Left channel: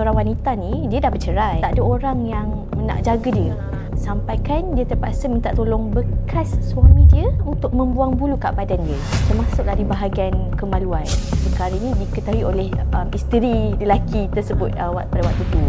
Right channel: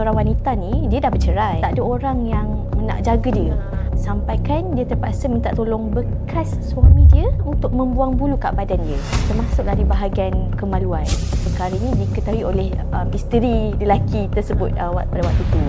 seorang wanita ni, dia dah bercerai. Tak ada orang yang nak jaga dia. Sampaikan dia terpaksa minta tolong bekas suami dia untuk membuang bulu kat badan dia. Termasuklah di bahagian kemaluan. Perkara ini diketahui oleh isteri lelaki tersebut pada waktu itu.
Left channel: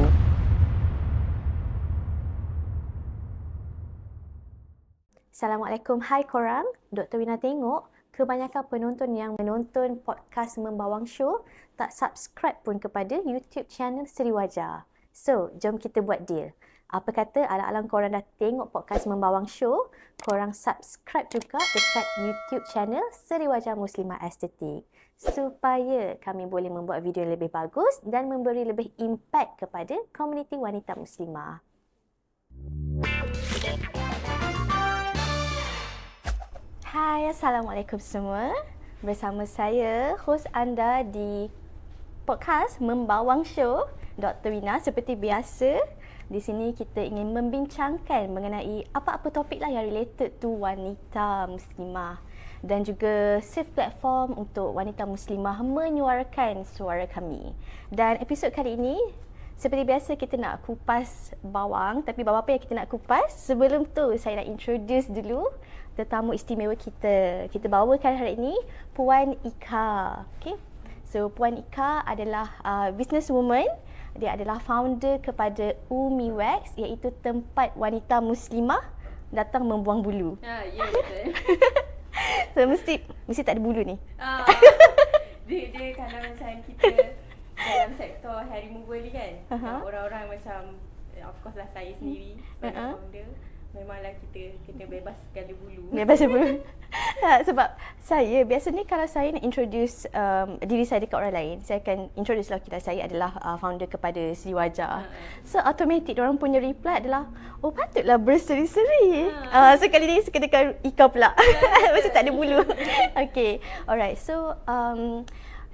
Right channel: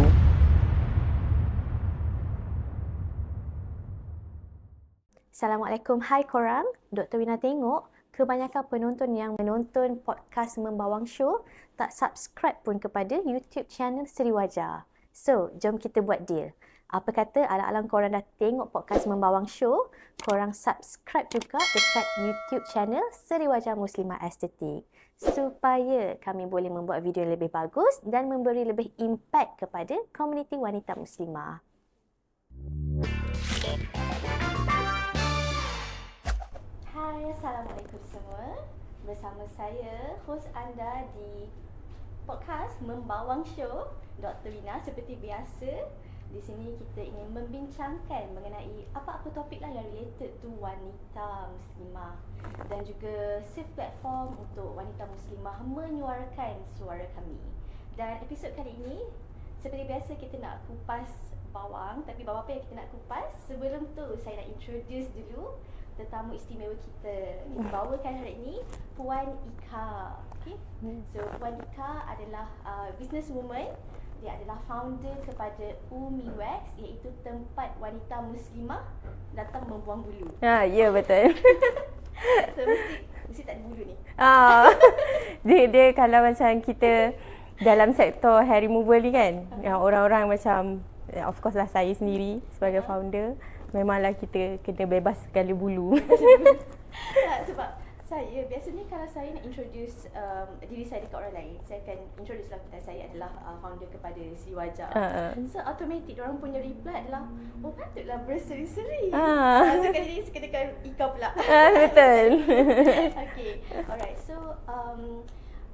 Assalamualaikum, hai korang. Dr. Wina tengok kebanyakan penonton yang menonton podcast Membawang Show tak subscribe pun kepada YouTube channel Seri Wajah. So, jom kita buat deal. Apa kata alang-alang korang dah tengok podcast Membawang Show, korang subscribe juga dekat YouTube channel Seri Wajah Muslimah Estetik supaya kami boleh membuat video yang lebih bagus dan memberi lebih impact kepada komuniti wanita muslimah. Hai, Assalamualaikum semua. Bersama saya, hos anda di podcast Membawang Show, Dr. Wina. Seperti biasa, di sini kita ingin membincangkan mengenai apa-apa topik lah yang related to wanita muslimah dan juga safe platform untuk wanita muslimah menyuarakan suara kami. Dan episod kali ini, seperti biasa kita nak kupas bawang, tapi bawang apa yang kita nak kupas? Sebelum tu saya nak introduce dulu tetamu istimewa kita. Kita bawakan hari ini Puan Ika. Okay? So Puan Ika adalah businesswoman. Dia adalah founder kepada Umi Wax, iaitu tempat wanita muslimah datang membuang bulu. Ya betul. So mesti tak ada bulu ni. Dia kalau macam kita dalam sektor hair removal ni kan, yang orang-orang macam of course lah saya sendiri sebagai founder, memanglah kita kena bebas segala bulu. Bebas bulu. Sebab saya biasanya kalau saya nak introduce diri saya dekat orang lain, saya akan introduce lah kita, saya adalah founder kepada Seri Wajah. So automatic orang punya reply adalah, oh patutlah berseri-seri. Sekali ni sekedekan Ika pula. Mesti tak ada bulu. Okay, alright. So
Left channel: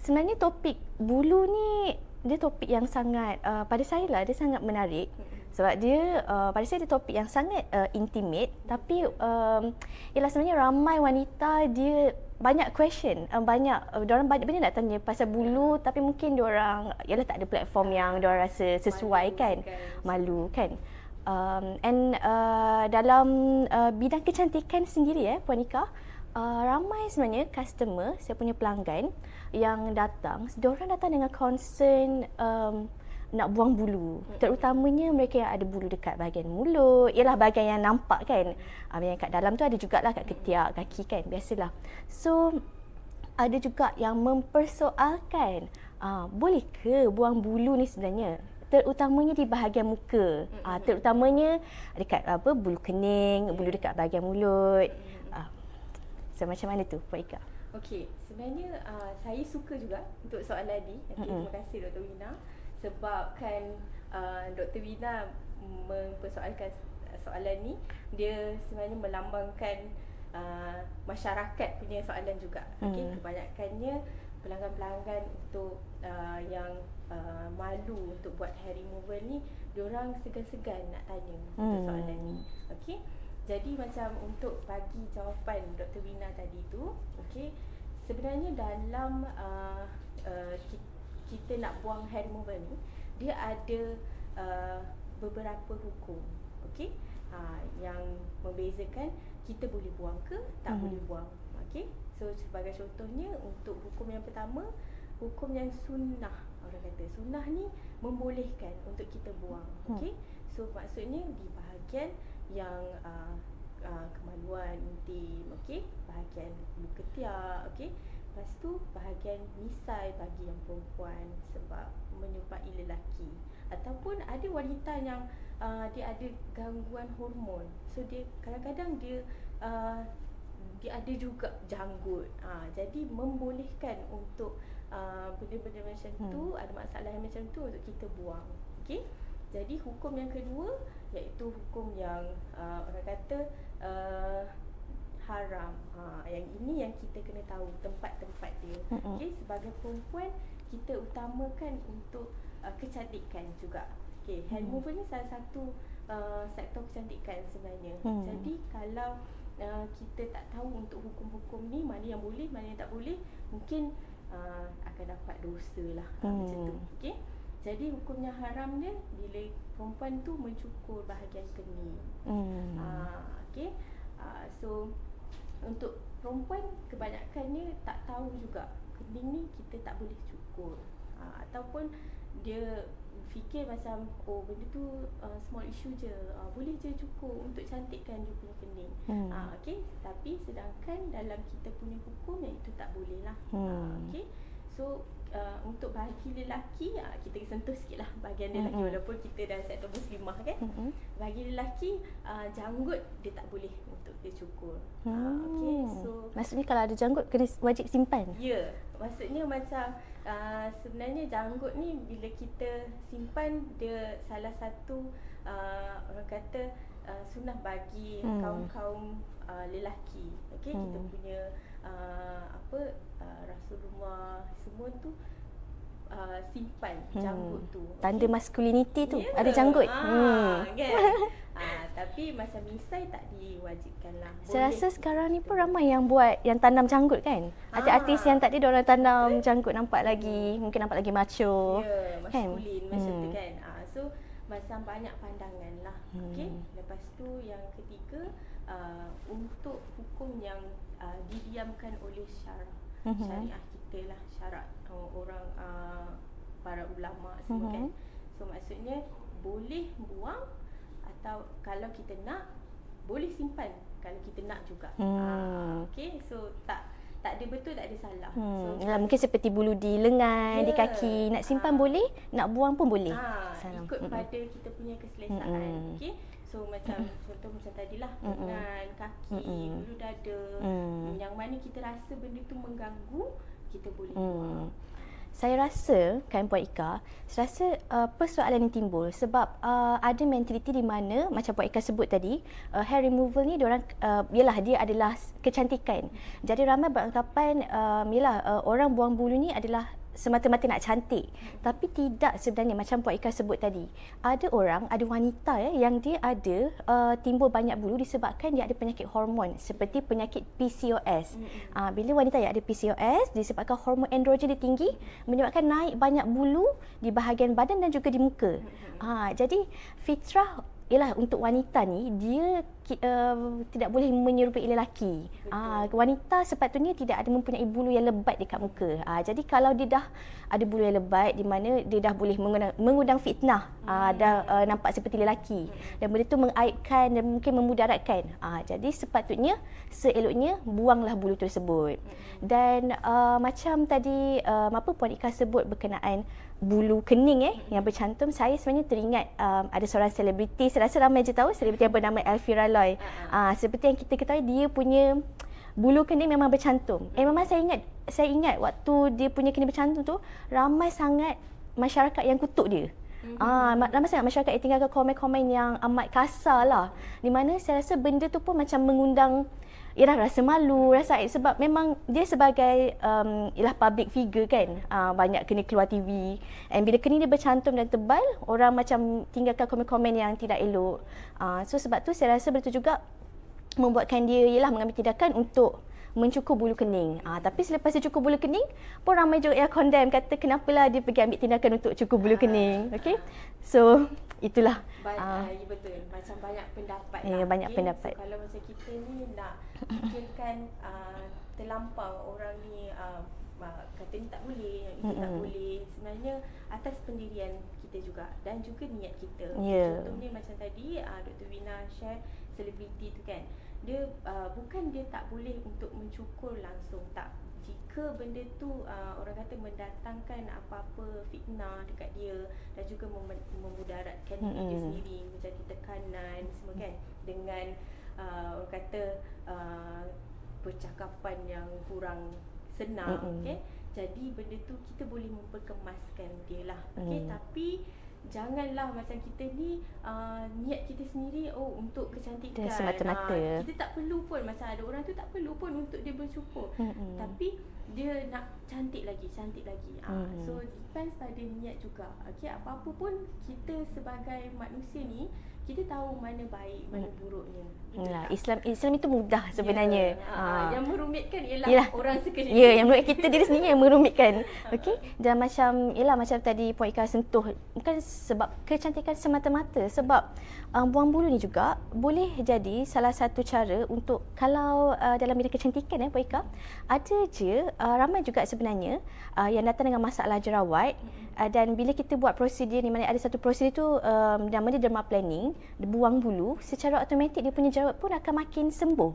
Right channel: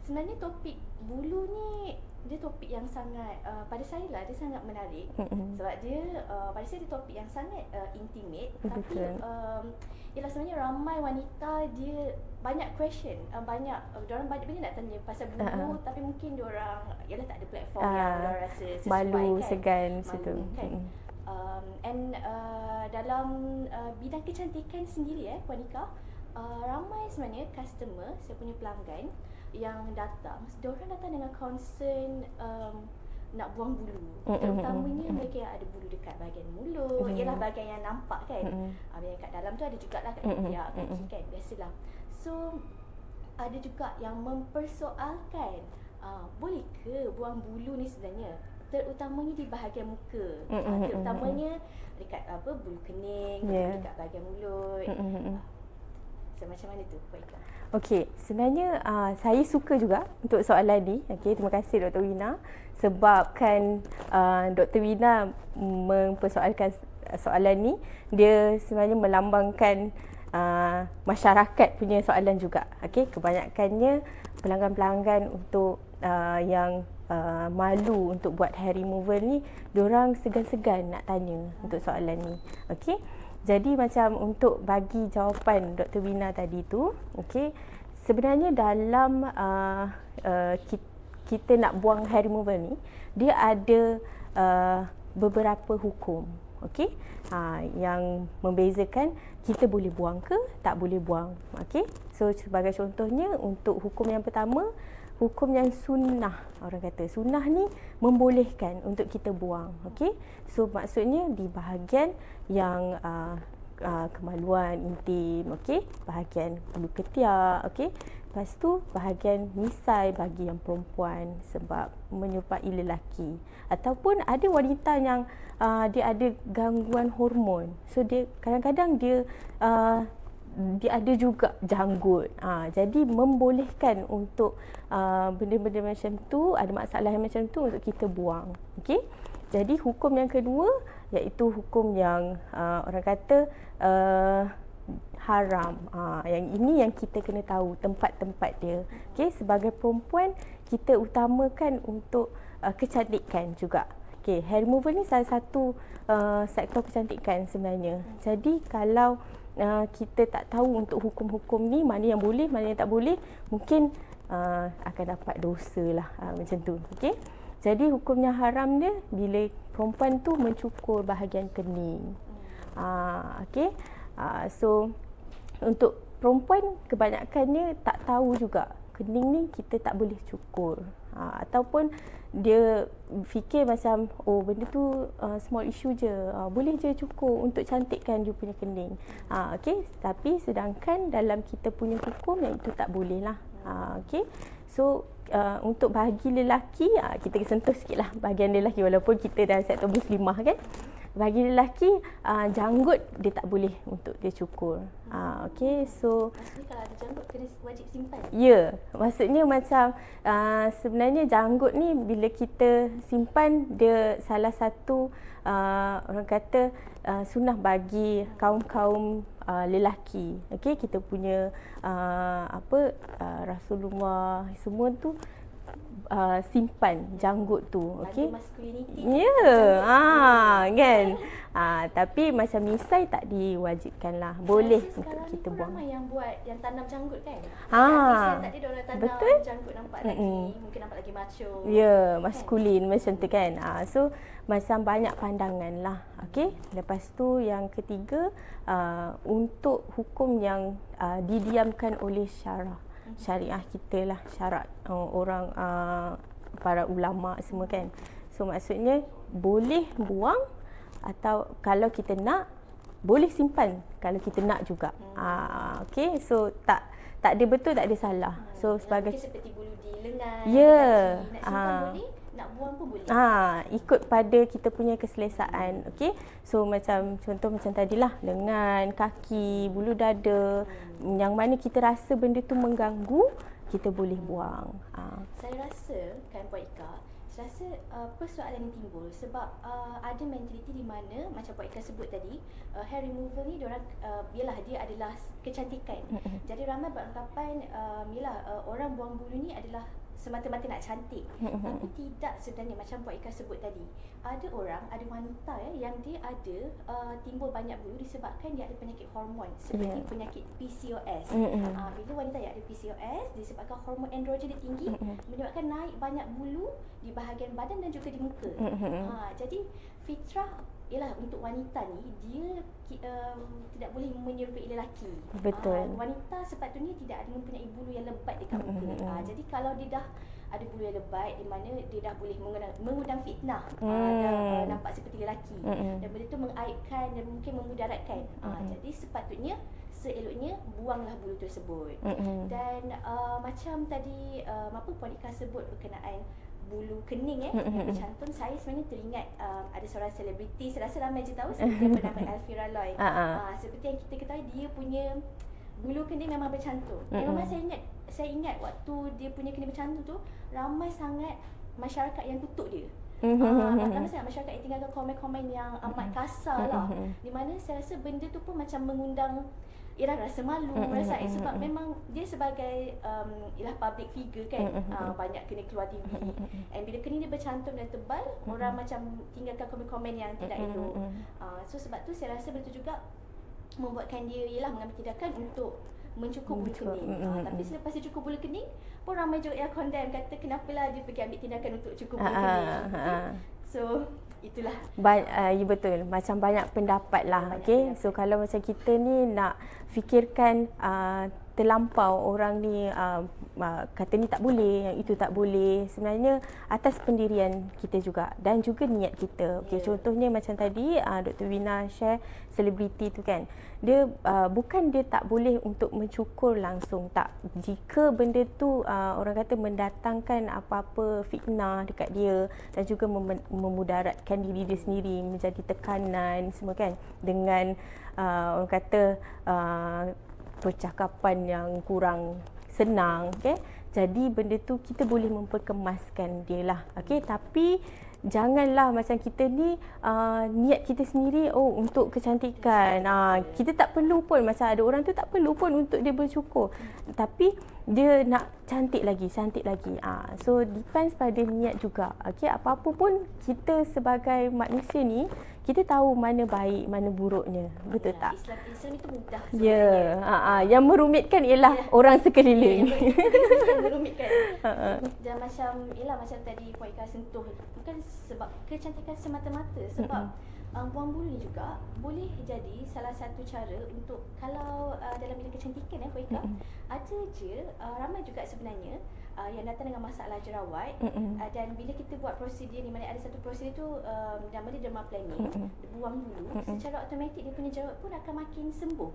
sebenarnya topik bulu ni dia topik yang sangat pada saya lah dia sangat menarik sebab dia pada saya dia topik yang sangat intimate, tapi ialah sebenarnya ramai wanita dia banyak question, diorang banyak benda nak tanya pasal bulu, tapi mungkin diorang ialah tak ada platform yang diorang rasa sesuai malu, kan, malu kan. Dalam bidang kecantikan sendiri Puan Ika, ramai sebenarnya customer, saya punya pelanggan yang datang, diorang datang dengan concern nak buang bulu, terutamanya mereka yang ada bulu dekat bahagian mulut, ialah bahagian yang nampak kan, yang kat dalam tu ada jugalah kat ketiak, kaki kan, biasalah. So ada juga yang mempersoalkan, boleh ke buang bulu ni sebenarnya, terutamanya di bahagian muka, terutamanya dekat bulu kening, bulu dekat bahagian mulut. So macam mana tu Puan Ika? Okey, sebenarnya saya suka juga untuk soalan ni. Okey, terima kasih Dr. Wina, sebab kan Dr. Wina mempersoalkan soalan ni, dia sebenarnya melambangkan masyarakat punya soalan juga. Okey, kebanyakannya pelanggan-pelanggan untuk yang malu untuk buat hair removal ni, diorang segan-segan nak tanya untuk soalan ni. Okey. Jadi macam untuk bagi jawapan Dr. Wina tadi tu, okey, sebenarnya dalam kita nak buang hair removal ni, dia ada beberapa hukum, okey, yang membezakan kita boleh buang ke tak boleh buang. Okey, so sebagai contohnya untuk hukum yang pertama, hukum yang sunnah, orang kata sunnah ni membolehkan untuk kita buang. Okey, so maksudnya di bahagian yang kemaluan intim, okey, bahagian bulu ketiak, okey, lepas tu bahagian misai bagi yang perempuan sebab menyerupai lelaki, ataupun ada wanita yang dia ada gangguan hormon, so dia kadang-kadang dia ada juga janggut, jadi membolehkan untuk benda-benda macam tu, ada masalah yang macam tu untuk kita buang. Okey, jadi hukum yang kedua iaitu hukum yang orang kata haram. Yang ini yang kita kena tahu tempat-tempat dia. Okey, sebagai perempuan kita utamakan untuk kecantikan juga. Okey, hair removal ni salah satu sektor kecantikan sebenarnya. Jadi kalau kita tak tahu untuk hukum-hukum ni, mana yang boleh, mana yang tak boleh, mungkin akan dapat dosa lah macam tu. Okey. Jadi hukumnya haram dia bila perempuan tu mencukur bahagian kening. Okey. So untuk perempuan kebanyakannya tak tahu juga kening ni kita tak boleh cukur. Ataupun dia fikir macam benda tu small issue je, boleh je cukur untuk cantikkan dia punya kening. Okey, tapi sedangkan dalam kita punya hukum yang itu tak boleh lah. Okey. So untuk bahagi lelaki, kita sentuh sikit lah bahagian lelaki, walaupun kita dalam sektor muslimah kan. Bagi lelaki, janggut dia tak boleh untuk dia cukur. Okey, so Maksudnya kalau ada janggut kena wajib simpan? ya, maksudnya macam sebenarnya janggut ni bila kita simpan, dia salah satu orang kata sunnah bagi kaum-kaum lelaki. Okey, kita punya Rasulullah semua tu simpan janggut tu. Tanda masculinity tu Ya, ada janggut. kan. Tapi macam misai tak diwajibkan lah. Boleh. Boleh. Saya rasa sekarang ni kita pun buat. ramai yang buat yang tanam janggut kan. Ada artis yang tadi diorang tanam janggut, nampak lagi, mungkin nampak lagi macho. Ya, maskulin macam tu kan. So macam banyak pandangan lah. Okey. Lepas tu yang ketiga, untuk hukum yang didiamkan oleh syariah kita lah, syarat orang para ulama semua kan. So maksudnya boleh buang, atau kalau kita nak boleh simpan kalau kita nak juga. Okey, so tak ada betul, tak ada salah. So Mungkin seperti bulu di lengan, di Ya. kaki, nak simpan boleh, nak buang pun boleh. Ikut pada kita punya keselesaan. Okey. So macam contoh macam tadilah, lengan, kaki, bulu dada, yang mana kita rasa benda tu mengganggu, kita boleh buang. Saya rasa kan Puan Ika, saya rasa persoalan yang timbul sebab ada mentaliti di mana macam Puan Ika sebut tadi, hair removal ni diorang yalah dia adalah kecantikan. Jadi ramai beranggapan orang buang bulu ni adalah semata-mata nak cantik. Tapi tidak sebenarnya macam Puan Ika sebut tadi. Ada orang, ada wanita yang dia ada timbul banyak bulu disebabkan dia ada penyakit hormon seperti penyakit PCOS. Bila wanita yang ada PCOS disebabkan hormon androgen dia tinggi, menyebabkan naik banyak bulu di bahagian badan dan juga di muka. Jadi fitrah ialah untuk wanita ni dia tidak boleh menyerupai lelaki. Betul. Wanita sepatutnya tidak ada mempunyai bulu yang lebat dekat muka. Jadi kalau dia dah ada bulu yang lebat di mana dia dah boleh mengundang fitnah dan nampak seperti lelaki. Dan benda tu mengaibkan dan mungkin memudaratkan. Jadi sepatutnya seeloknya buanglah bulu tersebut. Dan macam tadi Puan Ika sebut berkenaan bulu kening yang bercantum, saya sebenarnya teringat ada seorang selebriti, saya rasa ramai je tahu, selebriti yang bernama Elvira Loy. Seperti yang kita ketahui, dia punya bulu kening memang bercantum. Memang saya ingat waktu dia punya kening bercantum tu, ramai sangat masyarakat yang kutuk dia. Ramai sangat masyarakat yang tinggalkan komen-komen yang amat kasar lah. Di mana saya rasa benda tu pun macam mengundang rasa malu, rasa aib sebab memang dia sebagai public figure kan, banyak kena keluar TV. And bila kening dia bercantum dan tebal, orang macam tinggalkan komen-komen yang tidak elok. So sebab tu saya rasa betul juga membuatkan dia mengambil tindakan untuk mencukur bulu kening. Tapi selepas dia cukur bulu kening pun ramai juga yang condemn, kata kenapalah dia pergi ambil tindakan untuk cukur bulu kening. Okay? So itulah. Ya betul. Macam banyak pendapat lah. Banyak Okay? pendapat. So kalau macam kita ni nak fikirkan terlampau orang ni kata ni tak boleh, yang itu tak boleh. Sebenarnya atas pendirian kita juga dan juga niat kita. Okay, contohnya macam tadi Dr. Wina share selebriti tu kan. Dia bukan dia tak boleh untuk mencukur langsung, tak. Jika benda tu orang kata mendatangkan apa-apa fitnah dekat dia dan juga memudaratkan diri dia sendiri, menjadi tekanan semua kan, dengan orang kata percakapan yang kurang senang, okey. Jadi benda tu kita boleh memperkemaskan dia lah, okey. Tapi janganlah macam kita ni niat kita sendiri untuk kecantikan. Kita tak perlu pun, macam ada orang tu tak perlu pun untuk dia bercukur. Tapi dia nak cantik lagi. So depends pada niat juga. Okey, apa-apa pun kita sebagai manusia ni, kita tahu mana baik, mana buruknya. Betul tak? Islam itu mudah sebenarnya. Yang merumitkan ialah orang sekeliling. Yang kita diri sendiri yang merumitkan. Okey. Dan macam tadi Puan Ika sentuh, bukan sebab kecantikan semata-mata, sebab buang bulu ni juga boleh jadi salah satu cara untuk, kalau dalam bidang kecantikan Puan Ika, ada je ramai juga sebenarnya yang datang dengan masalah jerawat, dan bila kita buat prosedur ni, mana ada satu prosedur tu nama dia dermaplaning, dia buang bulu, secara automatik dia punya jerawat pun akan makin sembuh.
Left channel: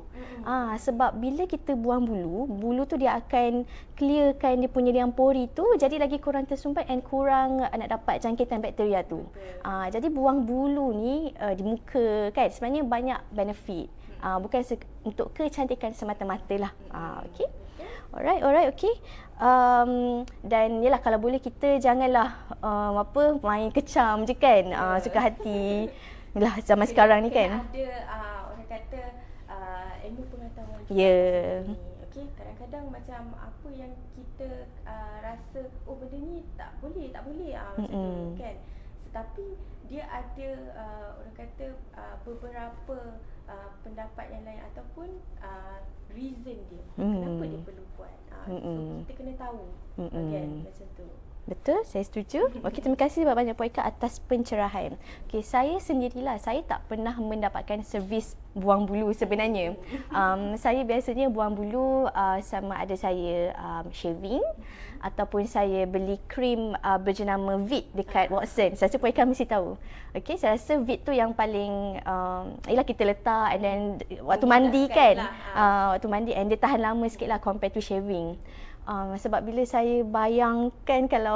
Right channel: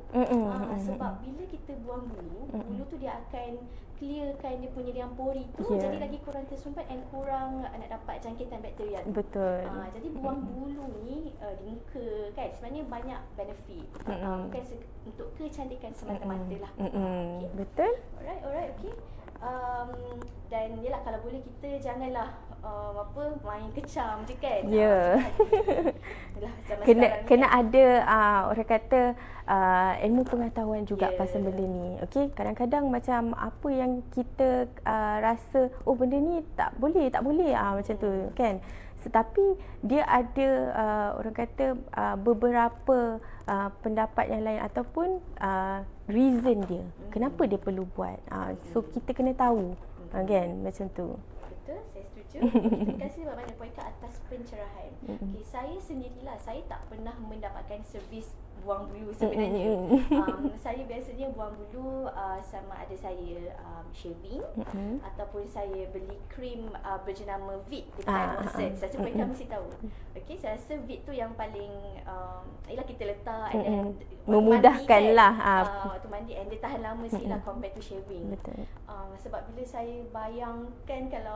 Sebab bila kita buang bulu tu dia akan clearkan dia punya liang pori tu, jadi lagi kurang tersumbat and kurang nak dapat jangkitan bakteria tu. Betul. Jadi buang bulu ni di muka kan sebenarnya banyak benefit. Bukan untuk kecantikan semata-mata lah. Okey. Betul. Alright, okey. Dan yalah, kalau boleh kita janganlah main kecam je kan. Suka hati. Yalah, zaman sekarang ni kena kan. ada orang kata ilmu pengetahuan juga pasal benda ni. Okey, kadang-kadang macam apa yang kita rasa benda ni tak boleh macam tu kan. Tetapi dia ada orang kata beberapa pendapat yang lain ataupun reason dia kenapa dia perlu buat. So kita kena tahu kan, macam tu. Betul, saya setuju. Okey, terima kasih banyak Puan Ika atas pencerahan. Okey, saya sendirilah, saya tak pernah mendapatkan servis buang bulu sebenarnya. Saya biasanya buang bulu sama ada saya shaving ataupun saya beli krim berjenama Vit dekat Watson. Saya rasa Puan Ika mesti tahu. Okey, saya rasa Vit tu yang paling ialah kita letak and then waktu mandi kan. Waktu mandi and dia tahan lama sikitlah compared to shaving. Sebab bila saya bayangkan kalau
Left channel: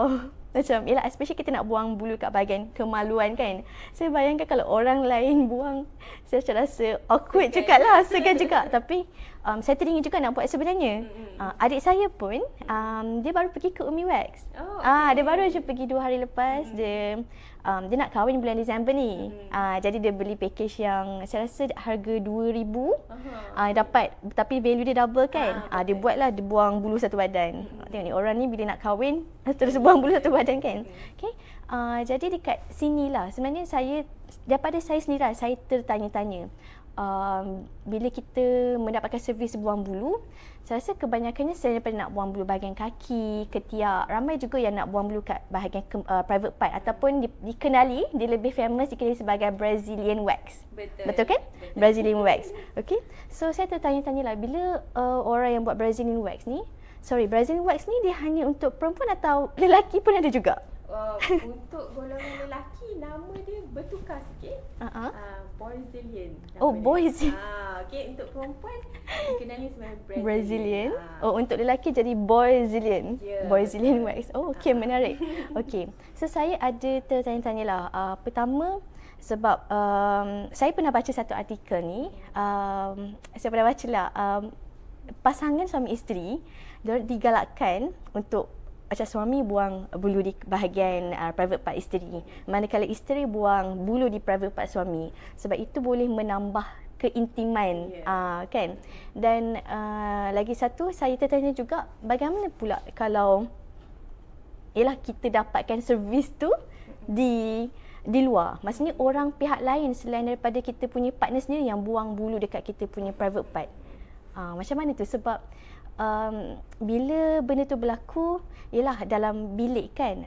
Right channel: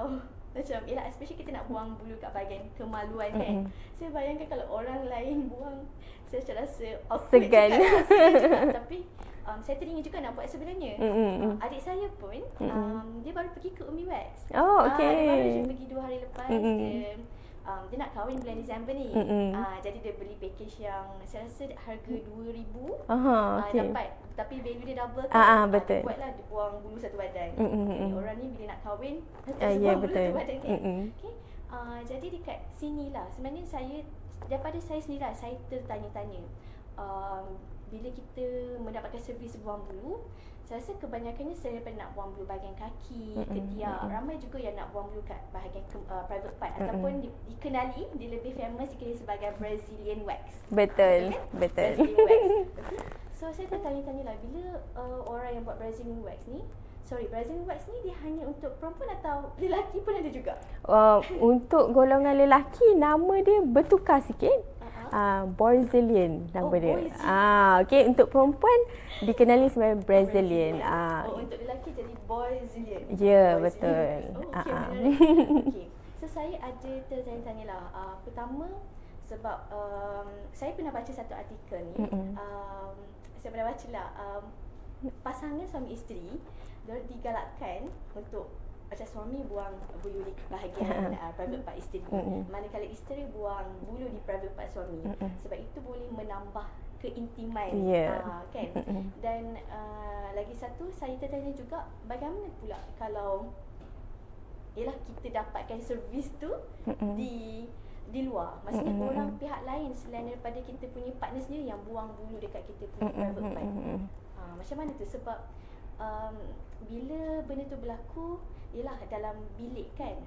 macam, yelah, especially kita nak buang bulu kat bahagian kemaluan kan. Saya bayangkan kalau orang lain buang, saya rasa awkward juga lah, segan juga. Tapi saya teringin juga nak buat sebenarnya. Adik saya pun, dia baru pergi ke Umi Wax. Dia baru je pergi 2 hari lepas. Dia nak kahwin bulan Disember ni. Jadi dia beli package yang saya rasa harga 2,000. Dapat, tapi value dia double kan. Dia buatlah, dia buang bulu satu badan. Ni orang ni bila nak kahwin terus buang bulu satu badan kan. Okay. Jadi dekat sinilah sebenarnya saya, daripada saya sendiri saya tertanya-tanya. Bila kita mendapatkan servis buang bulu, saya rasa kebanyakannya saya daripada nak buang bulu bahagian kaki, ketiak. Ramai juga yang nak buang bulu kat bahagian private part ataupun dikenali, dia lebih famous dikenali sebagai Brazilian wax. Betul kan? Betul. Brazilian wax. Okey. So saya tertanya-tanyalah, bila orang yang buat Brazilian wax ni, dia hanya untuk perempuan atau lelaki pun ada juga? Untuk golongan lelaki, nama dia bertukar sikit. Brazilian nama dia. Brazilian. Okey, untuk perempuan dikenali sebagai Brazilian. Untuk lelaki jadi Brazilian. Brazilian wax. Okey, menarik. Okey. So saya ada tertanya-tanyalah. Pertama, sebab saya pernah baca satu artikel ni. Saya pernah bacalah pasangan suami isteri dia digalakkan untuk macam suami buang bulu di bahagian private part isteri, manakala isteri buang bulu di private part suami. Sebab itu boleh menambah keintiman, kan. Dan lagi satu, saya tertanya juga, bagaimana pula kalau kita dapatkan servis tu di luar, maksudnya orang pihak lain selain daripada kita punya partner sendiri yang buang bulu dekat kita punya private part. Macam mana tu? Sebab bila benda tu berlaku, ialah dalam bilik kan,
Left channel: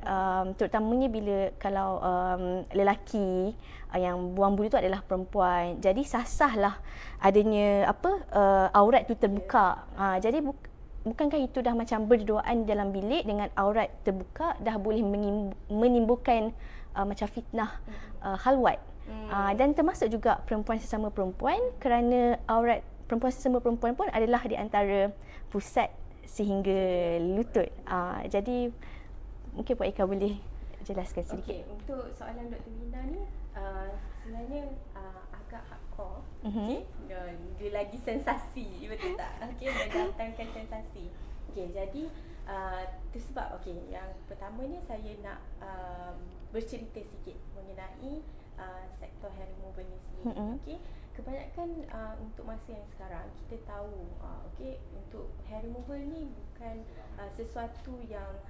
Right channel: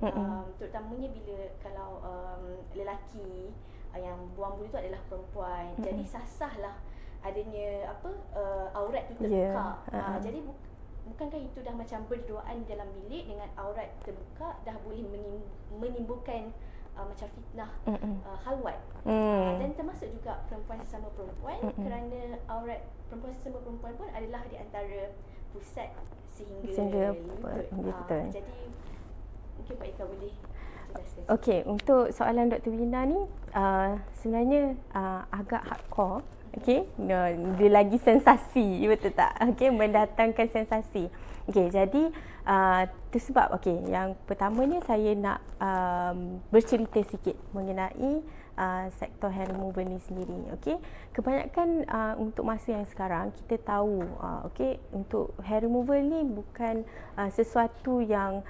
terutamanya bila kalau lelaki yang buang bulu tu adalah perempuan, jadi sasahlah adanya aurat tu terbuka. Jadi bukankah itu dah macam berduaan dalam bilik dengan aurat terbuka, dah boleh menimbulkan macam fitnah khalwat. Dan termasuk juga perempuan sesama perempuan, kerana aurat perempuan sesama perempuan pun adalah di antara pusat sehingga lutut. Jadi mungkin Puan Ika boleh jelaskan sikit. Okey, untuk soalan Dr. Wina ni sebenarnya agak hardcore. Okey, dia lagi sensasi, betul tak? Okey, mendatangkan sensasi. Okey, jadi tu sebab yang pertamanya saya nak bercerita sikit mengenai sektor hair removal ni sendiri. Kebanyakan untuk masa yang sekarang kita tahu untuk hair removal ni bukan sesuatu yang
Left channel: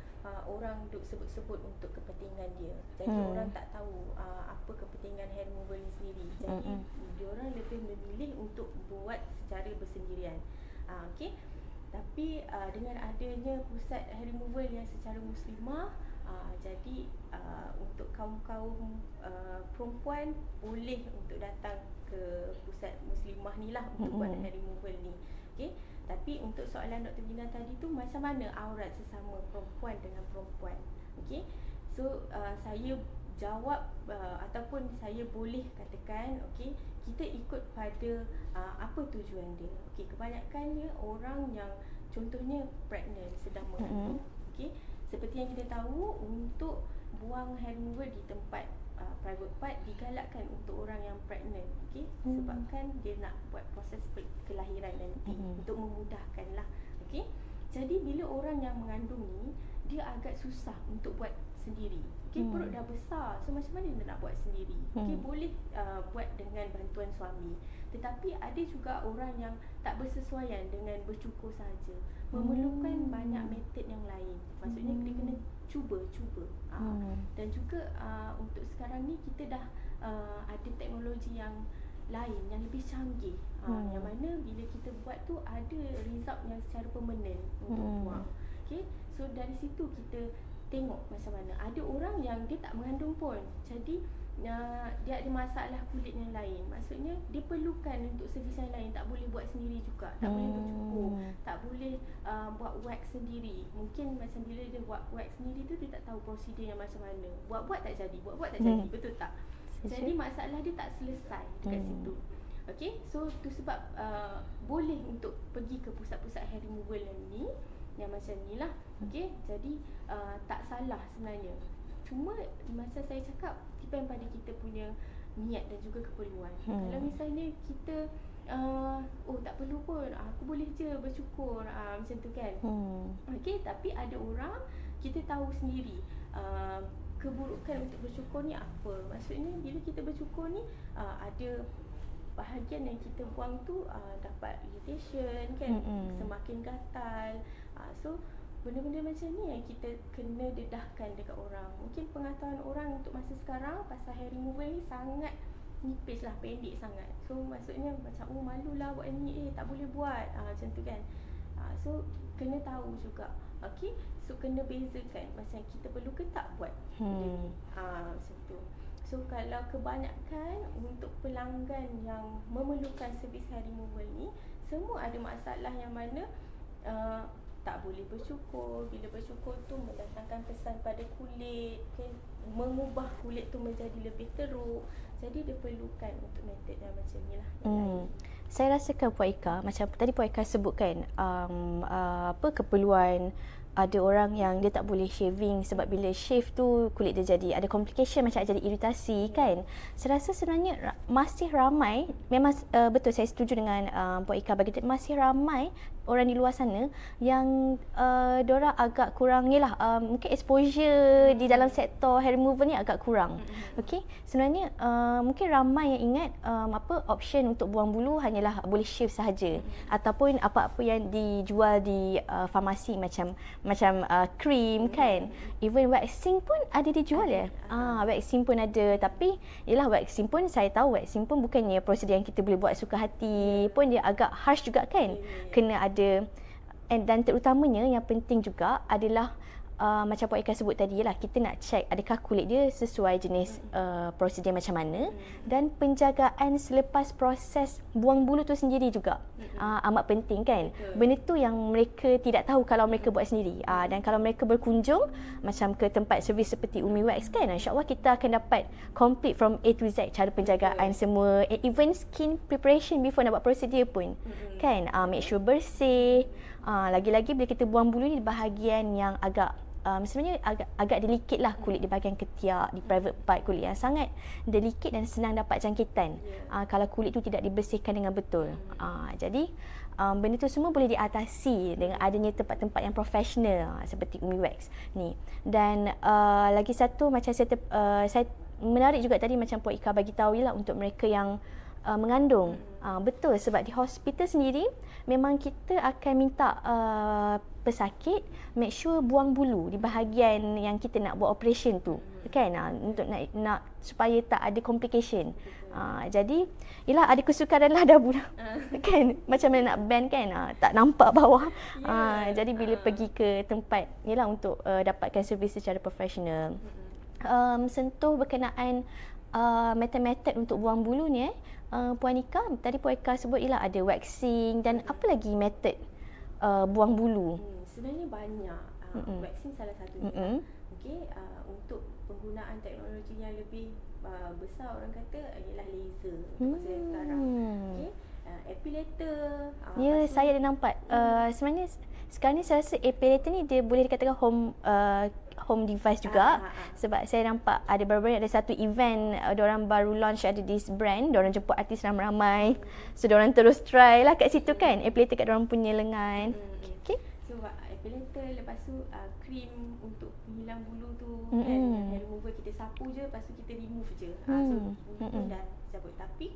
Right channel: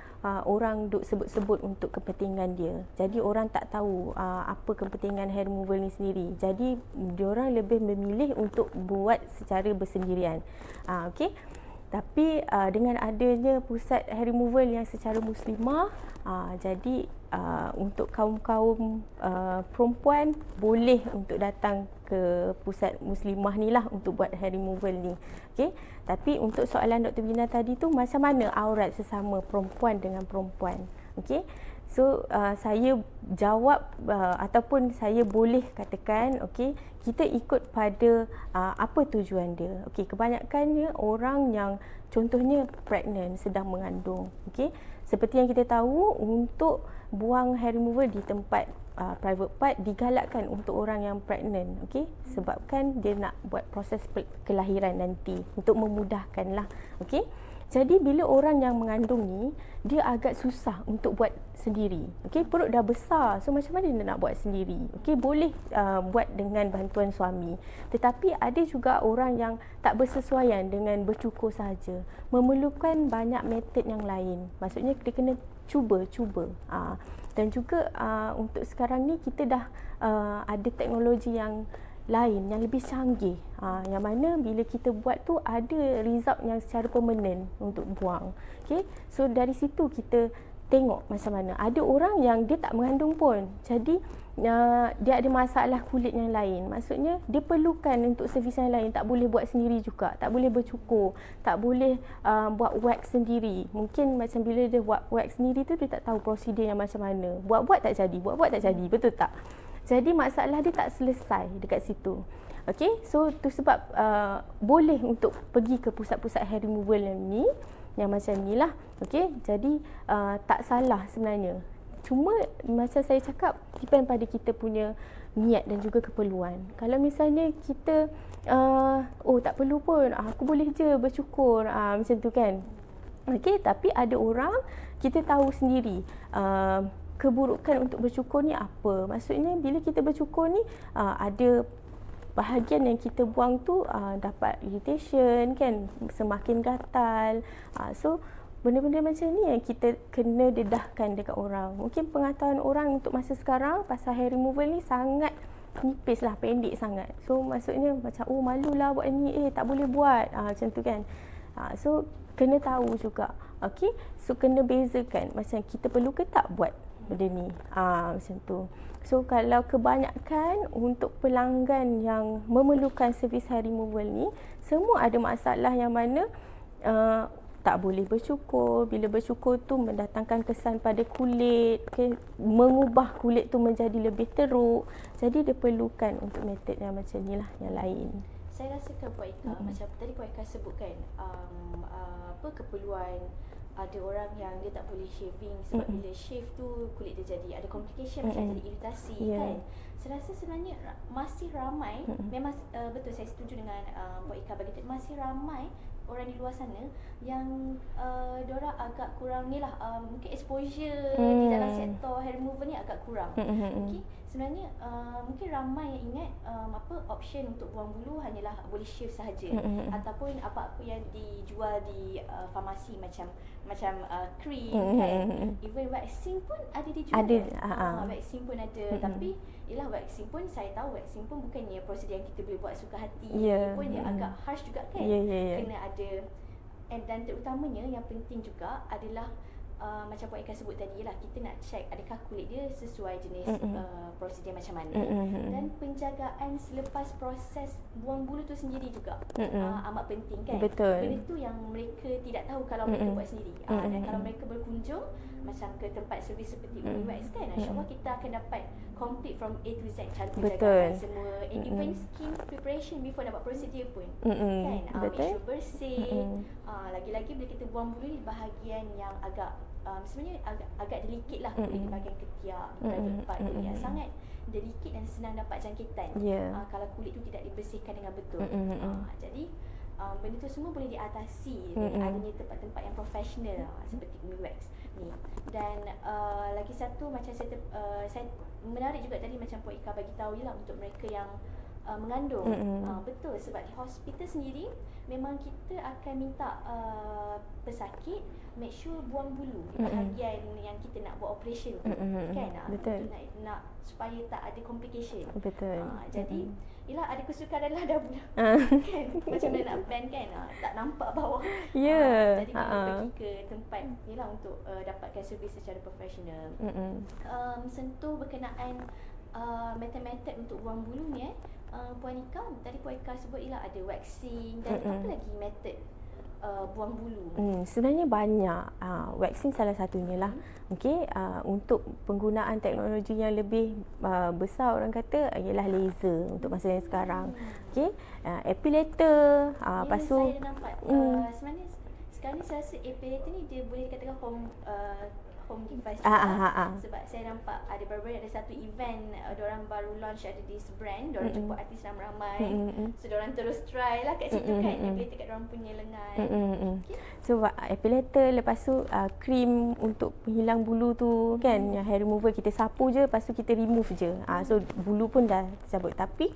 orang duk sebut-sebut untuk kepentingan dia. Jadi orang tak tahu apa kepentingan hair removal ni sendiri. Jadi diorang lebih memilih untuk buat secara bersendirian. Tapi dengan adanya pusat hair removal yang secara muslimah, jadi untuk kaum-kaum perempuan boleh untuk datang ke pusat muslimah ni lah untuk buat hair removal ni. Tapi untuk soalan Dr. Bina tadi tu, macam mana aurat sesama perempuan dengan perempuan? So saya jawab ataupun saya boleh katakan kita ikut pada apa tujuan dia. Kebanyakannya orang yang contohnya pregnant, sedang mengandung. Seperti yang kita tahu, untuk buang hair removal di tempat private part digalakkan untuk orang yang pregnant. Sebabkan dia nak buat proses kelahiran nanti untuk memudahkan lah. Jadi bila orang yang mengandung ni, dia agak susah untuk buat sendiri. Perut dah besar, so macam mana dia nak buat sendiri? Boleh buat dengan bantuan suami. Tetapi ada juga orang yang tak bersesuaian dengan bercukur sahaja, memerlukan banyak metod yang lain. Maksudnya dia kena cuba. Dan juga untuk sekarang ni kita dah ada teknologi yang lain yang lebih canggih, yang mana bila kita buat tu ada result yang secara permanent untuk buang. So dari situ kita tengok macam mana. Ada orang yang dia tak mengandung pun, jadi dia ada masalah kulit yang lain. Maksudnya dia perlukan untuk servis yang lain, tak boleh buat sendiri juga, tak boleh bercukur, tak boleh buat wax sendiri. Mungkin macam bila dia buat wax sendiri tu, dia tak tahu prosedur yang macam mana. Buat-buat tak jadi, betul tak? Jadi masalah dia tak selesai dekat situ. So tu sebab boleh untuk pergi ke pusat-pusat hair removal yang macam ni lah. Jadi tak salah sebenarnya. Cuma macam saya cakap, depend pada kita punya niat dan juga keperluan. Kalau misalnya kita tak perlu pun, aku boleh je bercukur, macam tu kan. Tapi ada orang, kita tahu sendiri keburukan untuk bercukur ni apa. Maksudnya bila kita bercukur ni, ada bahagian yang kita buang tu dapat irritation kan, semakin gatal. So benda-benda macam ni yang kita kena dedahkan dekat orang. Mungkin pengetahuan orang untuk masa sekarang pasal hair removal ni sangat nipis lah, pendek sangat. So maksudnya macam malulah buat ni, tak boleh buat, macam tu kan. So kena tahu juga. So kena bezakan macam kita perlu ke tak buat benda ni, macam tu. So kalau kebanyakan untuk pelanggan yang memerlukan servis hair removal ni, semua ada masalah yang mana tak boleh bercukur. Bila bercukur tu mendatangkan kesan pada kulit, mengubah kulit tu menjadi lebih teruk. Jadi dia perlukan untuk metod yang macam ni lah, yang lain. Saya rasakan Puan Ika, macam tadi Puan Ika sebutkan keperluan. Ada orang yang dia tak boleh shaving sebab bila shave tu kulit dia jadi ada complication, macam jadi iritasi kan. Saya rasa sebenarnya masih ramai, memang betul saya setuju dengan Puan Ika, masih ramai orang di luar sana yang diorang agak kurang ni lah, mungkin exposure di dalam sektor hair removal ni agak kurang. Sebenarnya mungkin ramai yang ingat option untuk buang bulu hanyalah boleh shave sahaja, ataupun apa-apa yang dijual di farmasi macam krim kan. Even waxing pun ada dijual. Waxing pun ada. Tapi yelah, waxing pun saya tahu waxing pun bukannya prosedur yang kita boleh buat suka hati. Pun dia agak harsh juga kan. Kena ada, dan terutamanya yang penting juga adalah macam Puan Ika sebut tadi lah, kita nak check adakah kulit dia sesuai jenis prosedur macam mana, dan penjagaan selepas proses buang bulu tu sendiri juga amat penting kan. Betul. Benda tu yang mereka tidak tahu kalau mereka buat sendiri. Dan kalau mereka berkunjung macam ke tempat servis seperti Umi Wax kan, insyaAllah kita akan dapat complete from A to Z, cara penjagaan semua, and even skin preparation before nak buat prosedur pun kan. Make sure bersih. Lagi-lagi bila kita buang bulu ni, bahagian yang agak sebenarnya agak delicate lah kulit di bahagian ketiak, di private part kulit yang sangat delicate dan senang dapat jangkitan. Kalau kulit tu tidak dibersihkan dengan betul. Jadi benda tu semua boleh diatasi dengan adanya tempat-tempat yang profesional seperti Umi Wax ni. Dan lagi satu macam saya menarik juga tadi macam Puan Ika bagi tahu lah untuk mereka yang mengandung. Betul, sebab di hospital sendiri memang kita akan minta pesakit make sure buang bulu di bahagian yang kita nak buat operation tu, kan, untuk nak supaya tak ada complication. Jadi yalah, ada kesukaran lah dah bulan kan, macam mana nak band kan, tak nampak bawah. Jadi bila pergi ke tempat yalah untuk dapatkan servis secara profesional. Sentuh berkenaan metod-metod untuk buang bulu ni, Puan Ika, tadi Puan Ika sebut ialah ada waxing dan apa lagi metod buang bulu? Sebenarnya banyak. Waxing salah satunya lah. Okey, untuk penggunaan teknologi yang lebih besar orang kata ialah laser untuk masa yang sekarang. Okey, epilator. Ya, saya ada nampak. Sebenarnya sekarang ni saya rasa epilator ni dia boleh dikatakan home device juga. Sebab saya nampak ada baru-baru ada satu event, diorang baru launch ada this brand, diorang jemput artis ramai-ramai. So diorang terus try lah kat situ kan, epilator kat diorang punya lengan. Okay. So epilator, lepas tu krim untuk penghilang bulu tu kan, yang hair remover kita sapu je, lepas tu kita remove je. So bulu pun dah cabut. Tapi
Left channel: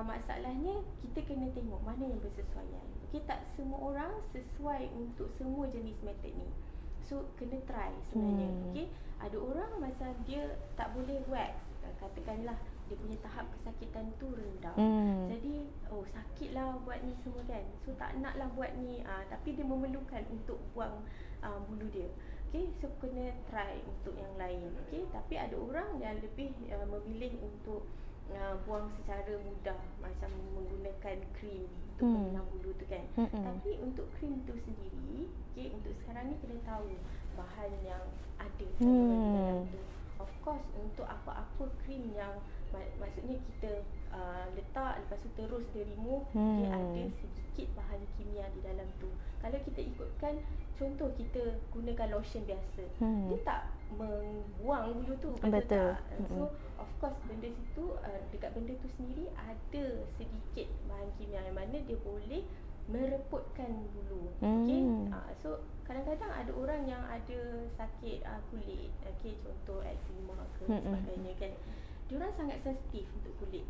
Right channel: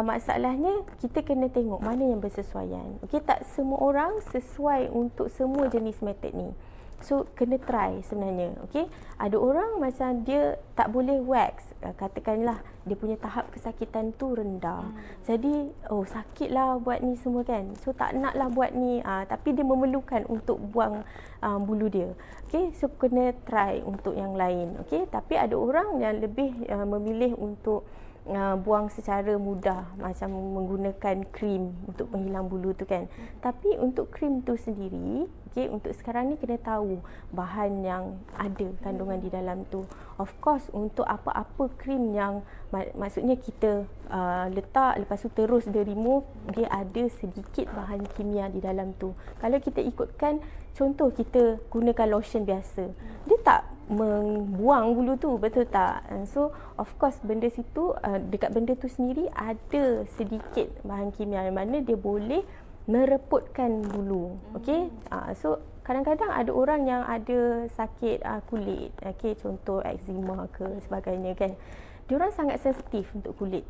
masalahnya kita kena tengok mana yang bersesuaian. Okey, tak semua orang sesuai untuk semua jenis metod ni. So kena try sebenarnya. Okey, ada orang macam dia tak boleh wax, katakanlah dia punya tahap kesakitan tu rendah. Jadi sakitlah buat ni semua kan. So tak naklah buat ni, tapi dia memerlukan untuk buang bulu dia. Okey, so kena try untuk yang lain. Okey, tapi ada orang yang lebih memilih untuk buang secara mudah, macam menggunakan krim untuk penghilang bulu tu kan. Tapi untuk krim tu sendiri, okay, untuk sekarang ni kena tahu bahan yang ada kandungan di dalam tu. Of course, untuk apa-apa krim yang maksudnya kita letak lepas tu terus dia remove, dia ada sedikit bahan kimia di dalam tu. Kalau kita ikutkan contoh kita gunakan lotion biasa, dia tak membuang bulu tu, betul tak? So of course benda situ, dekat benda tu sendiri ada sedikit bahan kimia yang mana dia boleh mereputkan bulu. Okey, so kadang-kadang ada orang yang ada sakit kulit, okey, contoh eczema ke sebagainya kan, diorang sangat sensitif untuk kulit.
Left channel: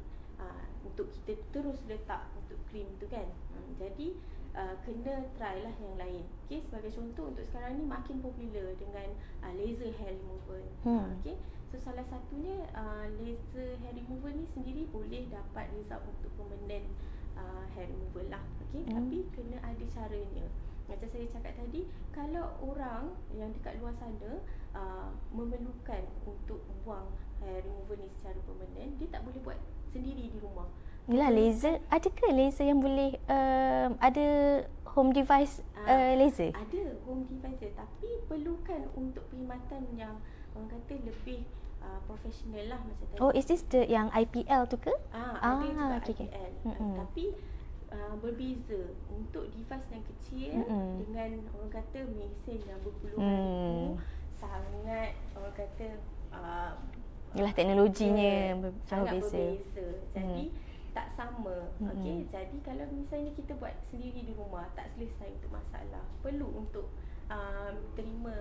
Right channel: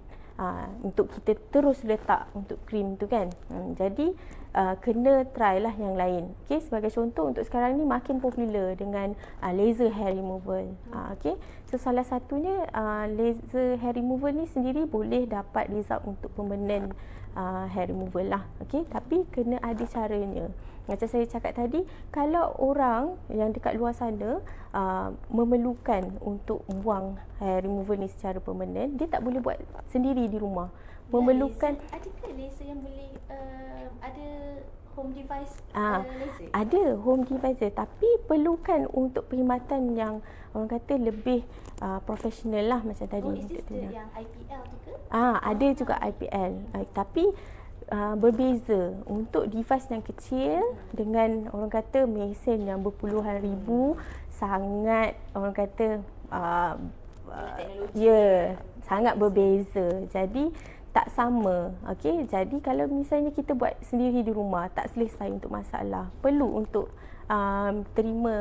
Untuk kita terus letak untuk krim tu kan. Jadi kena try lah yang lain. Okay, sebagai contoh untuk sekarang ni makin popular dengan laser hair removal. Okay, so salah satunya laser hair removal ni sendiri boleh dapat result untuk permanent hair removal lah. Okay, tapi kena ada caranya. Macam saya cakap tadi, kalau orang yang dekat luar sana memerlukan untuk buang hair removal ni secara permanent, dia tak boleh buat sendiri di rumah. Memerlukan, adakah laser yang boleh ada home device laser? Ada home device, tapi perlukan untuk perkhidmatan yang orang kata lebih profesional lah macam tadi. Oh, is this yang IPL tu ke? Ada juga IPL. Tapi berbeza untuk device yang kecil dengan orang kata mesin yang berpuluhan ribu, sangat orang kata ialah teknologinya sangat berbeza. Jadi tak sama. Okey, jadi kalau misalnya kita buat sendiri di rumah tak selesai untuk masalah, perlu untuk terima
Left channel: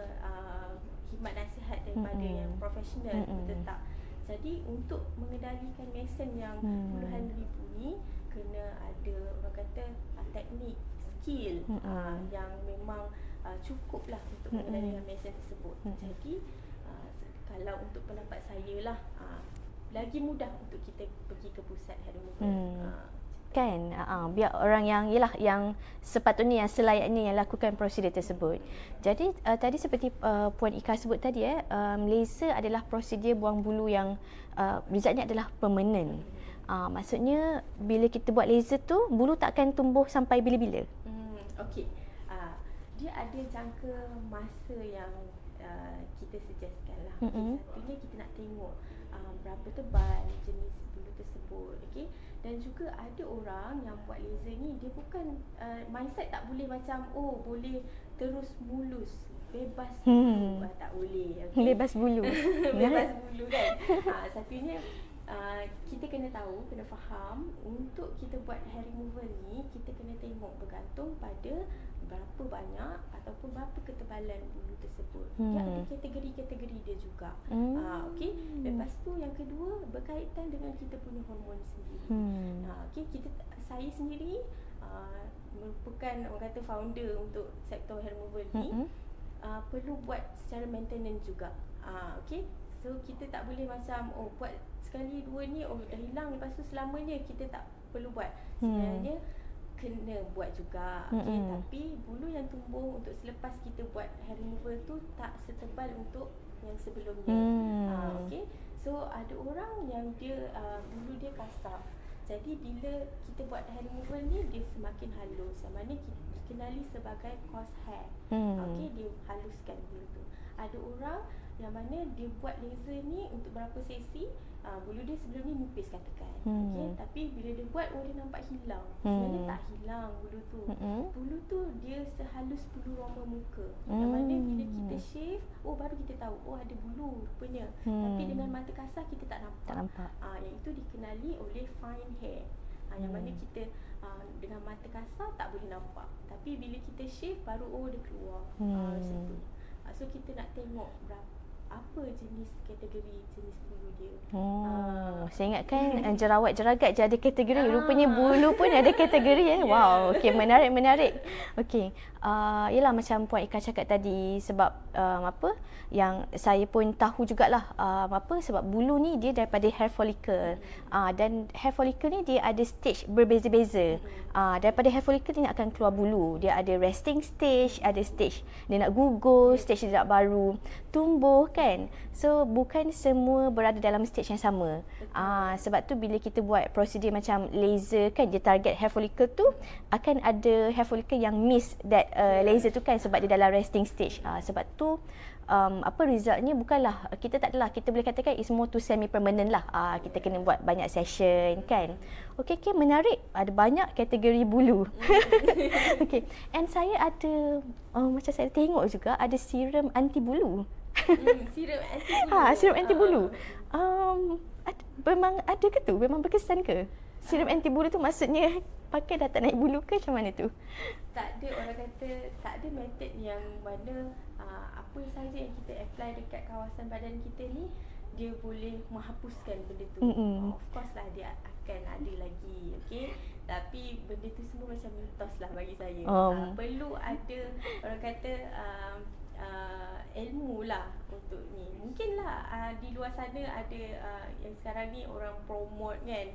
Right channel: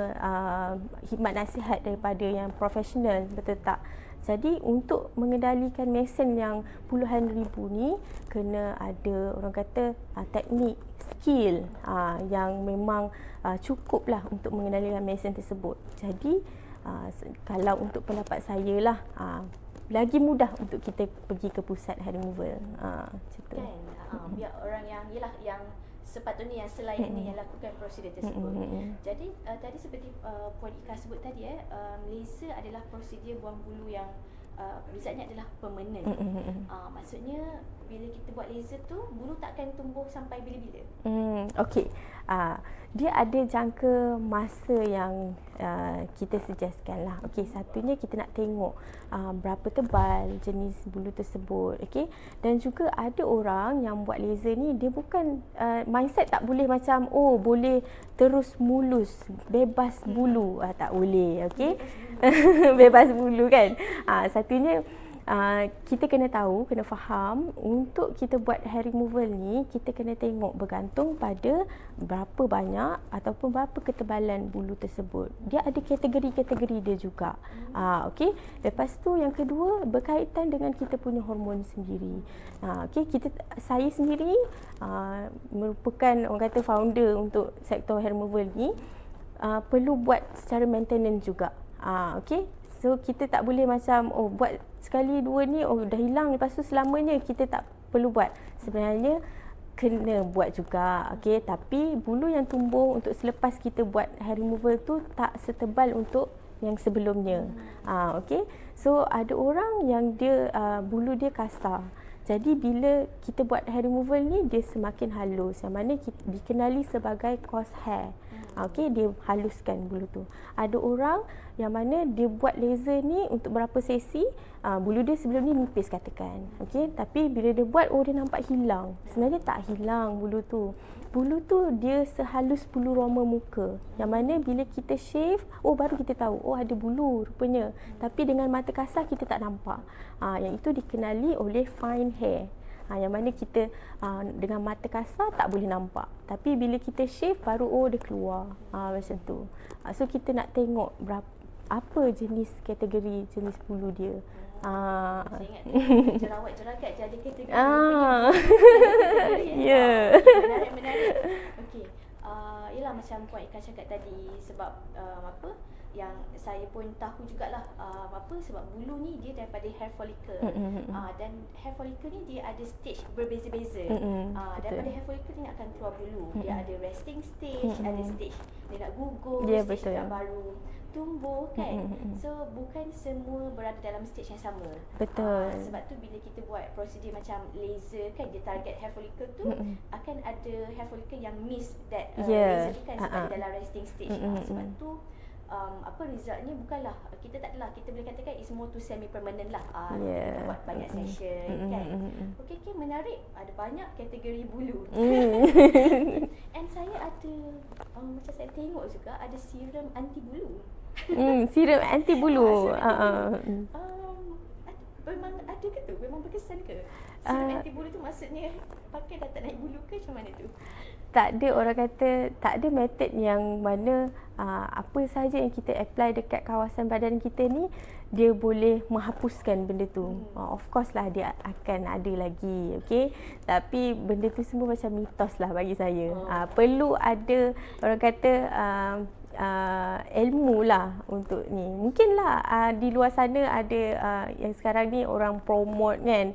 khidmat nasihat daripada yang profesional, betul tak? Jadi untuk mengendalikan mesin yang puluhan ribu ni, kena ada orang kata teknik, skill yang memang cukup lah untuk mengendalikan mesin tersebut. Jadi kalau untuk pendapat saya lah, lagi mudah untuk kita pergi ke pusat hair removal. Kan, biar orang yang yang sepatutnya, yang selayaknya yang lakukan prosedur tersebut. Jadi tadi seperti Puan Ika sebut tadi, laser adalah prosedur buang bulu yang resultnya adalah permanent. Maksudnya bila kita buat laser tu, bulu tak akan tumbuh sampai bila-bila. Okey, dia ada jangka masa yang kita suggestkan lah. Okey, satunya kita nak tengok berapa tebal jenis bulu tersebut. Okey, dan juga ada orang yang buat laser ni dia bukan mindset tak boleh macam boleh terus mulus bebas bulu. Tak boleh. Okey, Bebas bulu. bebas bulu kan. Satunya kita kena tahu, kena faham untuk kita buat hair removal ni kita kena tengok bergantung pada berapa banyak ataupun berapa ketebalan bulu tersebut. Dia ada kategori-kategori dia juga. Okey. Lepas tu yang kedua berkaitan dengan kita punya hormon sendiri. Okey, saya sendiri merupakan orang kata founder untuk sektor hair removal ni. Perlu buat secara maintenance juga. Okey. So kita tak boleh macam buat sekali dua ni dah hilang lepas tu selamanya kita tak perlu buat. Sebenarnya kena buat juga. Okey, tapi bulu yang tumbuh untuk selepas kita buat hair removal tu tak setebal untuk yang sebelumnya. Okey. So ada orang yang dia bulu dia kasar. Jadi bila kita buat hair removal ni dia semakin halus, yang mana dikenali sebagai coarse hair. Okey, dia haluskan bulu tu. Ada orang yang mana dia buat laser ni untuk berapa sesi, bulu dia sebelum ni nipis katakan. Okey, tapi bila dia buat dia nampak hilang. Sebenarnya tak hilang bulu tu. Bulu tu dia sehalus bulu roma muka. Yang mana bila kita shave, baru kita tahu ada bulu rupanya. Tapi dengan mata kasar kita tak nampak. Yang itu dikenali oleh fine hair. Yang mana kita dengan mata kasar tak boleh nampak. Tapi bila kita shave baru dia keluar. Macam tu. So kita nak tengok apa jenis kategori jenis bulu dia. Saya ingatkan jerawat-jeragat je ada kategori. Rupanya bulu pun ada kategori. Wow, okay, menarik. Okey. Yalah macam Puan Ika cakap tadi sebab yang saya pun tahu jugalah sebab bulu ni dia daripada hair follicle. Dan hair follicle ni dia ada stage berbeza-beza. Daripada hair follicle ni akan keluar bulu. Dia ada resting stage, ada stage dia nak gugur, stage dia nak baru tumbuh kan. So bukan semua berada dalam stage yang sama. Betul. Sebab tu bila kita buat prosedur macam laser kan, dia target hair follicle tu, akan ada hair follicle yang miss that laser tu kan sebab dia dalam resting stage. Sebab tu resultnya bukanlah kita tak adalah kita boleh katakan is more to semi permanent lah. Kita kena buat banyak session kan. Okey, menarik. Ada banyak kategori bulu. Okay. And saya ada macam saya tengok juga ada serum anti bulu. Serum anti bulu. Serum anti bulu. Memang ada ke tu? Memang berkesan ke? Serum anti bulu tu maksudnya pakai dah tak naik bulu ke macam mana tu? Tak ada, orang kata tak ada method yang mana apa saja yang kita apply dekat kawasan badan kita ni dia boleh menghapuskan benda tu. Of course lah dia akan ada lagi, okey. Tapi benda tu semua macam mitos lah bagi saya. Perlu ada orang kata ilmu lah untuk ni. Mungkinlah di luar sana ada yang sekarang ni orang promote kan,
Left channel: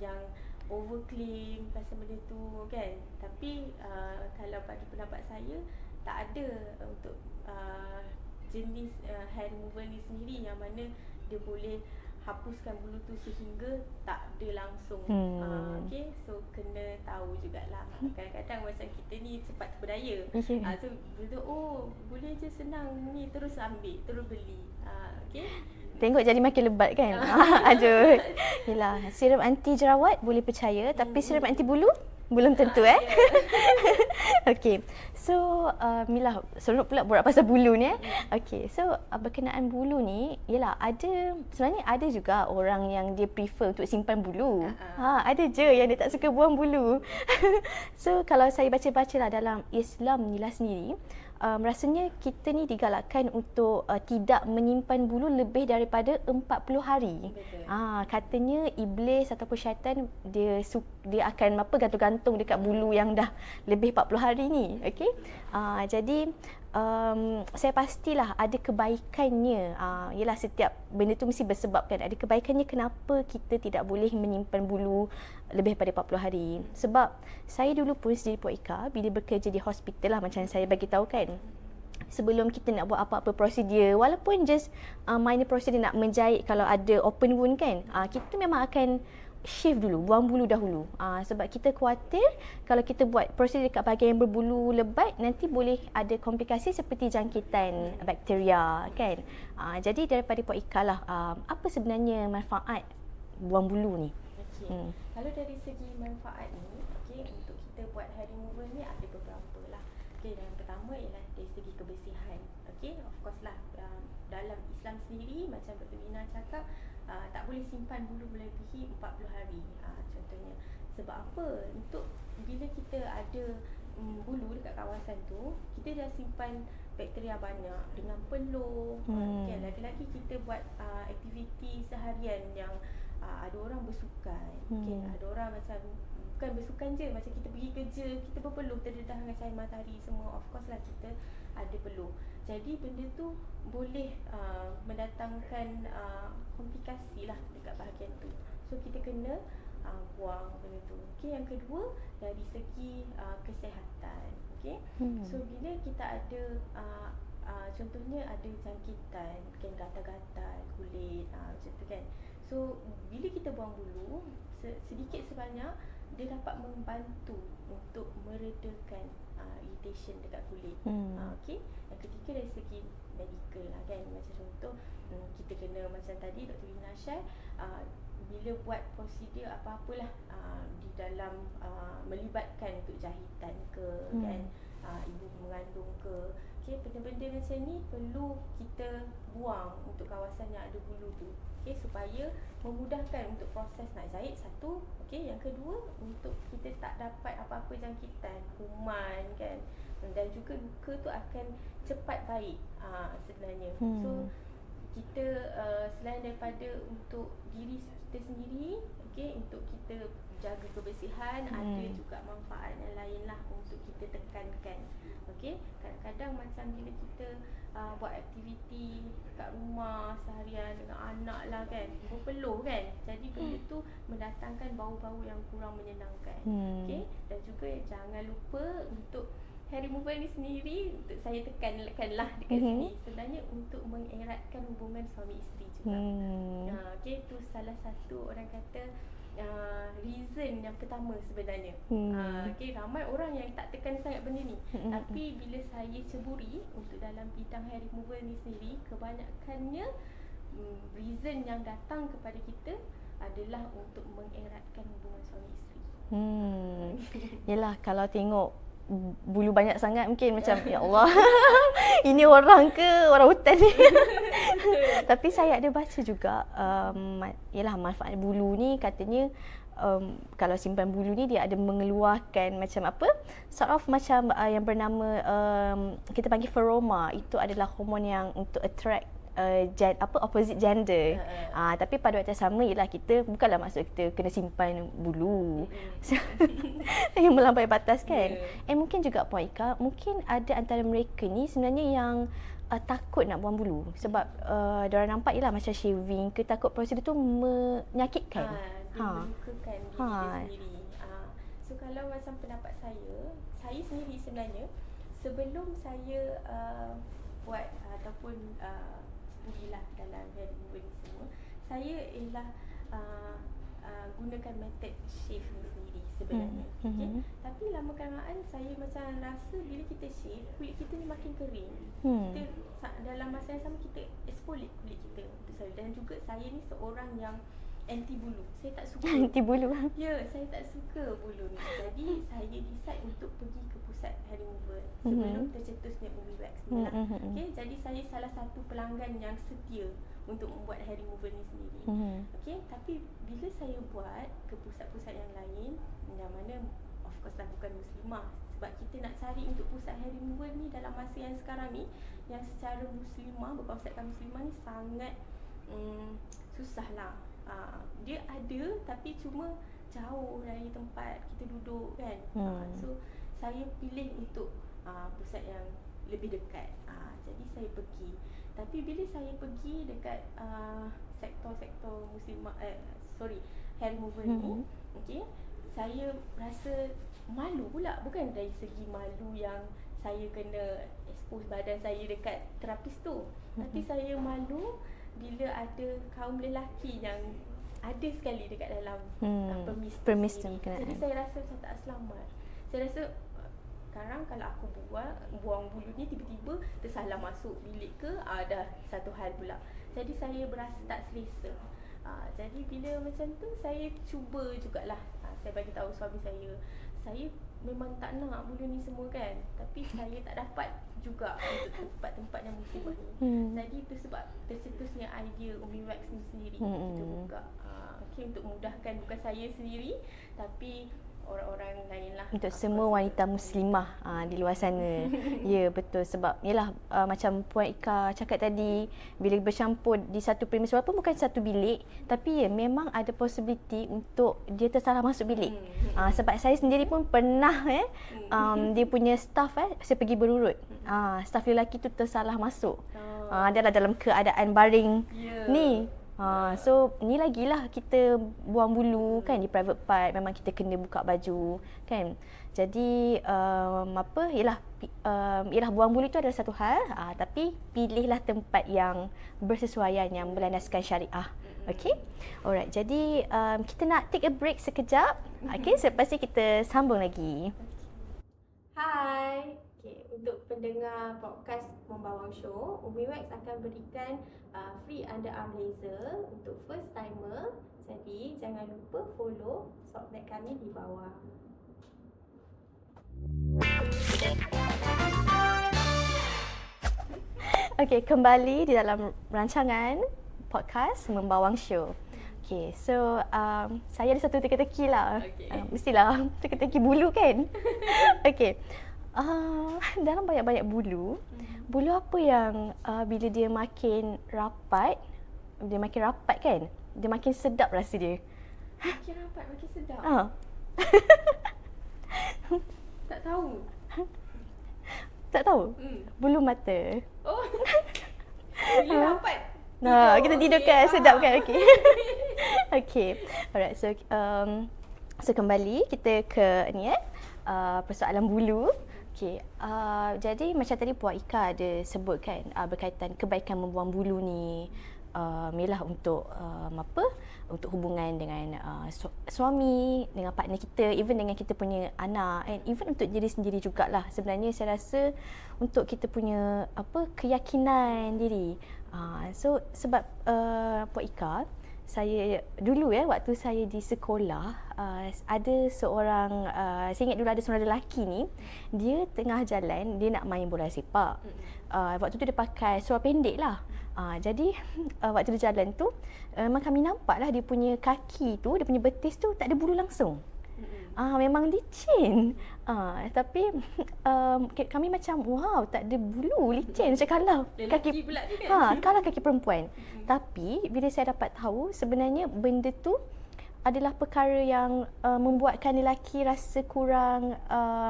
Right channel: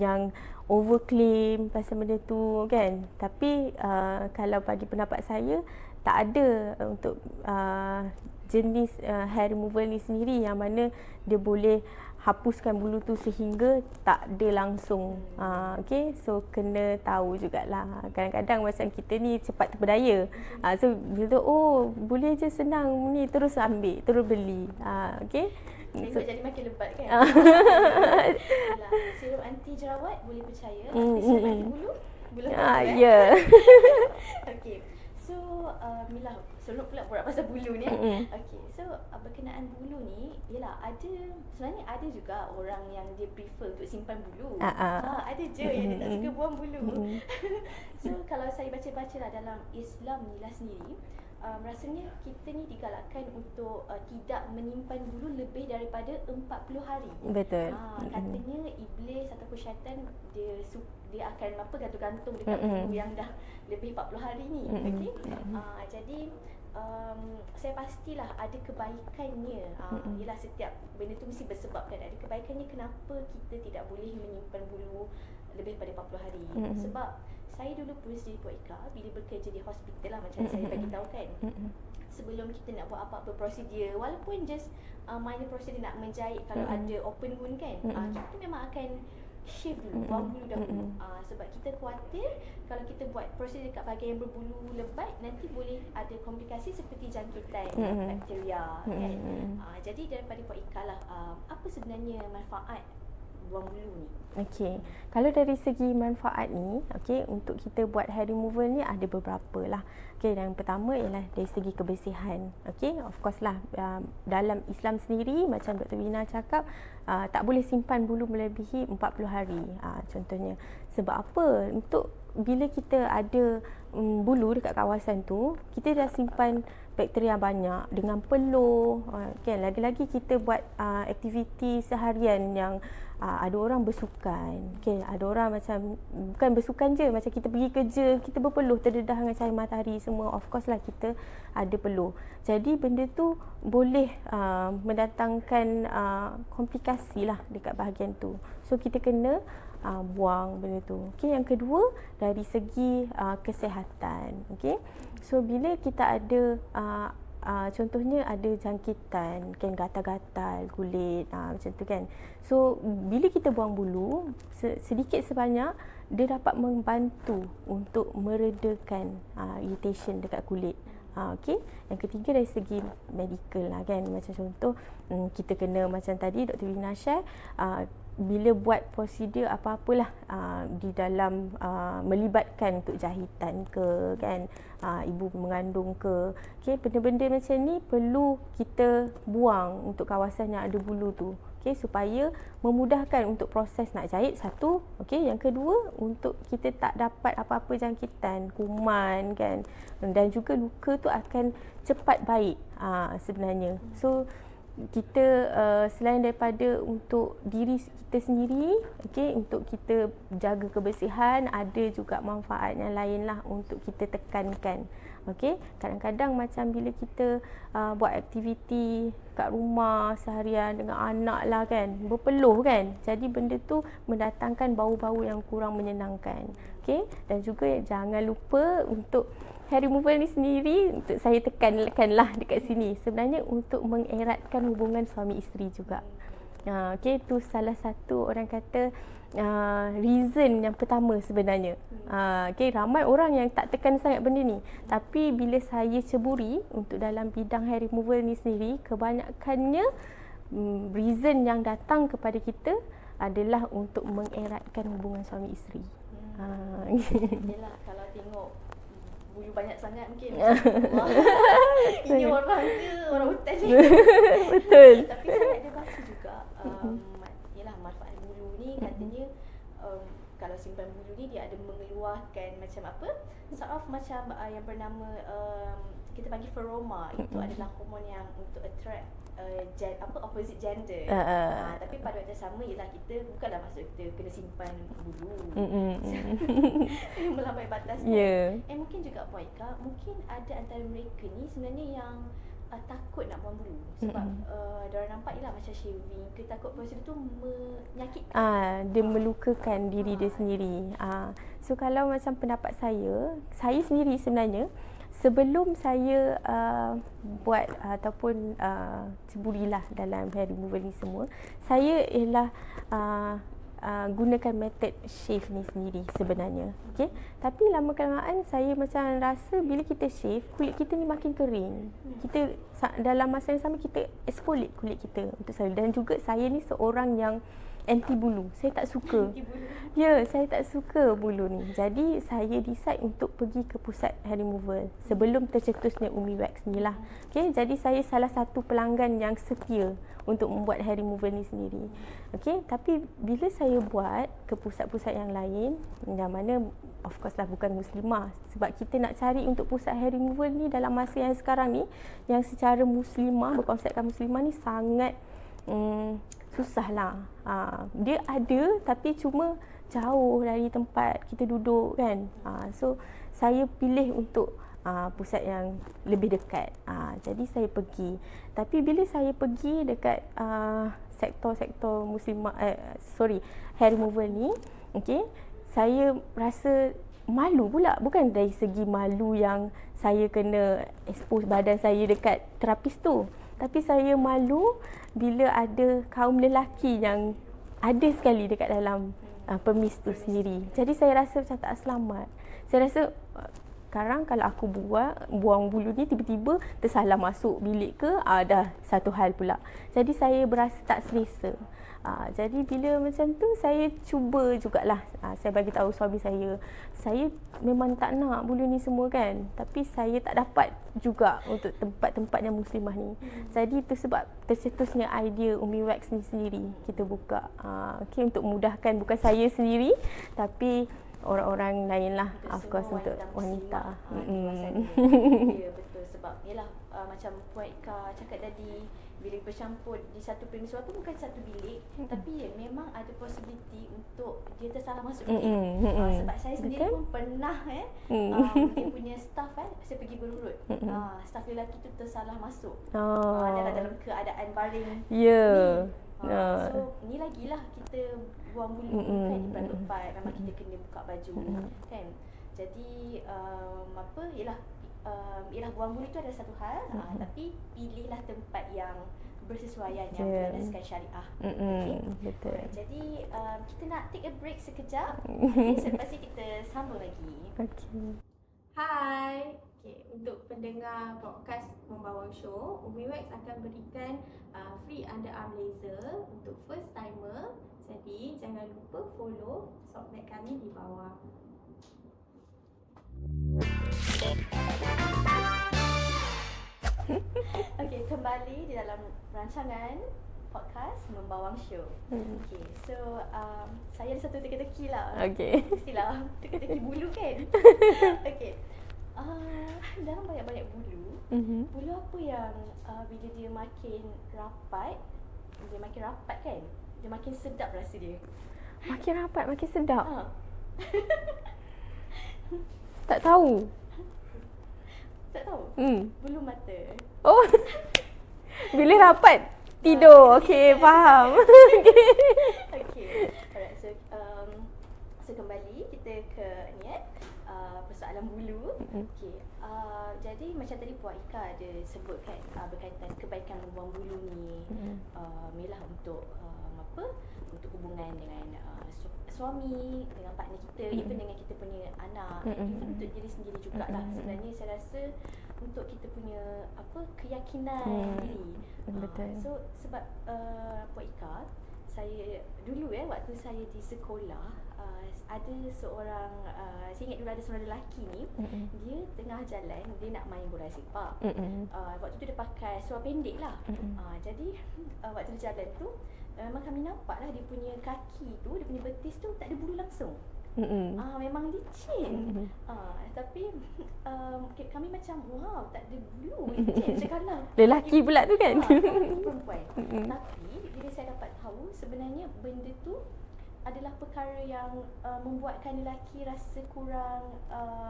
yang overclaim pasal benda tu kan. Tapi kalau bagi pendapat saya tak ada untuk jenis hair removal ni sendiri yang mana dia boleh hapuskan bulu tu sehingga tak ada langsung. Okay, so kena tahu jugalah. Kadang-kadang macam kita ni cepat terpedaya. So bila tu boleh je senang ni, terus ambil, terus beli. Okay. Tengok jadi makin lebat kan. Alah, serum anti jerawat boleh percaya, tapi serum anti bulu belum tentu Okey. So Mila seronok pula borak pasal bulu ni Okey. So berkenaan bulu ni ialah sebenarnya ada juga orang yang dia prefer untuk simpan bulu. Ada je yang dia tak suka buang bulu. So kalau saya baca-bacalah dalam Islam ni lah sendiri, rasanya kita ni digalakkan untuk tidak menyimpan bulu lebih daripada 40 hari. Betul. Katanya iblis ataupun syaitan dia akan gantung-gantung dekat bulu yang dah lebih 40 hari ni. Okey. Jadi saya pastilah ada kebaikannya. Ialah setiap benda tu mesti bersebabkan. Ada kebaikannya kenapa kita tidak boleh menyimpan bulu lebih daripada 40 hari. Sebab saya dulu pun sendiri Puan Ika bila bekerja di hospital lah macam saya bagi tahu kan. Sebelum kita nak buat apa-apa prosedur, walaupun just minor prosedur nak menjahit kalau ada open wound kan, kita memang akan shave dulu, buang bulu dahulu. Sebab kita khawatir kalau kita buat prosedur dekat bahagian yang berbulu lebat, nanti boleh ada komplikasi seperti jangkitan bakteria kan. Jadi daripada Puan Ika lah, apa sebenarnya manfaat buang bulu ni? Okey. Kalau dari segi manfaat ni, okey, untuk kita buat hair removal ni ada beberapa lah. Okey, yang pertama ialah dari segi kebersihan. Okey, of course lah, dalam Islam sendiri macam Dr. Wina cakap, tak boleh simpan bulu melebihi 40 hari. Contohnya. Sebab apa? Untuk bila kita ada bulu dekat kawasan tu, kita dah simpan bakteria banyak dengan peluh. Kan, lagi-lagi kita buat aktiviti seharian yang ada orang bersukan. Okay, ada orang macam bukan bersukan je, macam kita pergi kerja, kita berpeluh terdedah dengan cahaya matahari semua. Of course lah kita ada peluh. Jadi benda tu boleh mendatangkan komplikasi lah dekat bahagian tu. So kita kena buang benda tu. Okay, yang kedua dari segi kesihatan. Okay, so bila kita ada contohnya ada jangkitan, kan, gatal-gatal kulit, macam tu kan. So bila kita buang bulu, sedikit sebanyak dia dapat membantu untuk meredakan irritation dekat kulit. Okey. Yang ketiga dari segi medical lah kan. Macam contoh kita kena macam tadi Dr. Wina share, bila buat prosedur apa-apalah di dalam melibatkan untuk jahitan ke kan, ibu mengandung ke, okey, benda-benda macam ni perlu kita buang untuk kawasan yang ada bulu tu. Okey, supaya memudahkan untuk proses nak jahit satu, okey, yang kedua untuk kita tak dapat apa-apa jangkitan, kuman kan, dan juga luka tu akan cepat baik sebenarnya. So kita selain daripada untuk diri kita sendiri, okey, untuk kita jaga kebersihan, ada juga manfaat yang lain lah untuk kita tekankan. Okey, kadang-kadang macam bila kita buat aktiviti kat rumah seharian dengan anak lah kan, berpeluh kan, jadi benda tu mendatangkan bau-bau yang kurang menyenangkan. Okey, dan juga jangan lupa untuk hair removal ni sendiri, untuk saya tekanlah dekat sini, sebenarnya untuk mengeratkan hubungan suami isteri juga. Okey, tu salah satu orang kata reason yang pertama sebenarnya. Okey, ramai orang yang tak tekan sangat benda ni. Tapi bila saya ceburi untuk dalam bidang hair removal ni sendiri, kebanyakannya reason yang datang kepada kita adalah untuk mengeratkan hubungan suami isteri. Yelah, kalau tengok bulu banyak sangat mungkin macam ya Allah, ini orang ke orang hutan ni. Betul. Tapi saya ada baca juga yalah, manfaat bulu ni katanya kalau simpan bulu ni dia ada mengeluarkan macam apa, sort of macam yang bernama kita panggil feroma. Itu adalah hormon yang untuk attract opposite gender. Tapi pada waktu yang sama ialah kita bukanlah maksud kita kena simpan bulu yang melampaui batas kan. Mungkin juga Puan Ika, mungkin ada antara mereka ni sebenarnya yang takut nak buang bulu sebab diorang nampak ialah macam shaving ke, takut prosedur tu menyakitkan. Dia melukakan diri dia sendiri. So kalau macam pendapat saya sendiri sebenarnya, sebelum saya buat ataupun ceburilah dalam hair removal ni semua, saya ialah gunakan method shave ni sendiri sebenarnya. Okay? Tapi lama kelamaan saya macam rasa bila kita shave, kulit kita ni makin kering. Kita dalam masa yang sama kita exfoliate kulit kita untuk selalu. Dan juga saya ni seorang yang anti bulu. Saya tak suka anti bulu. Ya, saya tak suka bulu ni. Jadi saya decide untuk pergi ke pusat hair removal sebelum tercetusnya Umi Wax ni lah. Okay, jadi saya salah satu pelanggan yang setia untuk membuat hair removal ni sendiri. Okay, tapi bila saya buat ke pusat-pusat yang lain, yang mana of course lah bukan muslimah, sebab kita nak cari untuk pusat hair removal ni dalam masa yang sekarang ni, yang secara muslimah, berkonsepkan muslimah ni sangat susah lah. Dia ada tapi cuma jauh dari tempat kita duduk kan. So saya pilih untuk pusat yang lebih dekat. Jadi saya pergi. Tapi bila saya pergi dekat sektor-sektor muslimah hair removal ni, okey, saya rasa malu pula. Bukan dari segi malu yang saya kena expose badan saya dekat terapis tu, tapi saya malu bila ada kaum lelaki yang ada sekali dekat dalam permis tu Permis tu, sendiri. kan. Jadi saya rasa macam tak selamat. Saya rasa sekarang kalau aku buang bulu ni tiba-tiba tersalah masuk bilik ke, dah satu hal pula. Jadi saya berasa tak selesa. Jadi bila macam tu saya cuba jugalah, saya bagi tahu suami saya memang tak nak bulu ni semua kan, tapi saya tak dapat juga untuk tempat-tempat yang muslimah ni. Jadi itu sebab tercetusnya idea Umi Wax ni sendiri kita buka. Okey, untuk memudahkan bukan saya sendiri tapi orang-orang lain lah. Untuk semua wanita muslimah di luar sana. Ya, betul. Sebab yelah macam Puan Ika cakap tadi, bila bercampur di satu premis walaupun bukan satu bilik, tapi ya memang ada possibility untuk dia tersalah masuk bilik. Sebab saya sendiri pun pernah dia punya staff saya pergi berurut. Staff lelaki tu tersalah masuk. Dia dalam keadaan baring ni. So ni lagilah kita buang bulu kan di private part, memang kita kena buka baju kan. Jadi ialah buang bulu itu adalah satu hal, tapi pilihlah tempat yang bersesuaian, yang berlandaskan syariah. Okey. Alright. Jadi kita nak take a break sekejap. Okey, selepas ni kita sambung lagi. Okey. Hai. Okay, untuk pendengar podcast Membawang Show, Umi Wax akan berikan free underarm laser untuk first timer. Jadi jangan lupa follow Sockback kami di bawah. Okey, kembali di dalam rancangan podcast Membawang Show. Okey, so saya ada satu teka-teki lah. Okey. Mestilah teka-teki bulu kan. Okey. Dalam banyak-banyak bulu, bulu apa yang bila dia makin rapat kan, dia makin sedap rasa dia. Makin rapat, makin sedap. Tak tahu. Tak tahu? Bulu mata. Oh. Bila rapat tidur. Kita tidur kan, faham. sedap kan. Okey. Alright, so kembali kita ke ni persoalan bulu. Okey. Jadi macam tadi Puan Ika ada sebut kan berkaitan kebaikan membuang bulu ni. Ialah untuk untuk hubungan dengan suami, dengan partner kita, even dengan kita punya anak, and even untuk diri sendiri jugalah. Sebenarnya saya rasa untuk kita punya keyakinan diri. So sebab Puan Ika, saya dulu waktu saya di sekolah ada seorang saya ingat dulu ada seorang lelaki ni, dia tengah jalan, dia nak main bola sepak. Waktu tu dia pakai seluar pendek lah. Jadi waktu dia jalan tu memang kami nampak lah dia punya kaki tu, dia punya betis tu tak ada bulu langsung. Memang licin. Tapi kami macam wow, tak ada bulu, licin. Macam kalau Lelaki pula tu kan. kalau kaki perempuan. Tapi bila saya dapat tahu sebenarnya benda tu adalah perkara yang membuatkan lelaki rasa kurang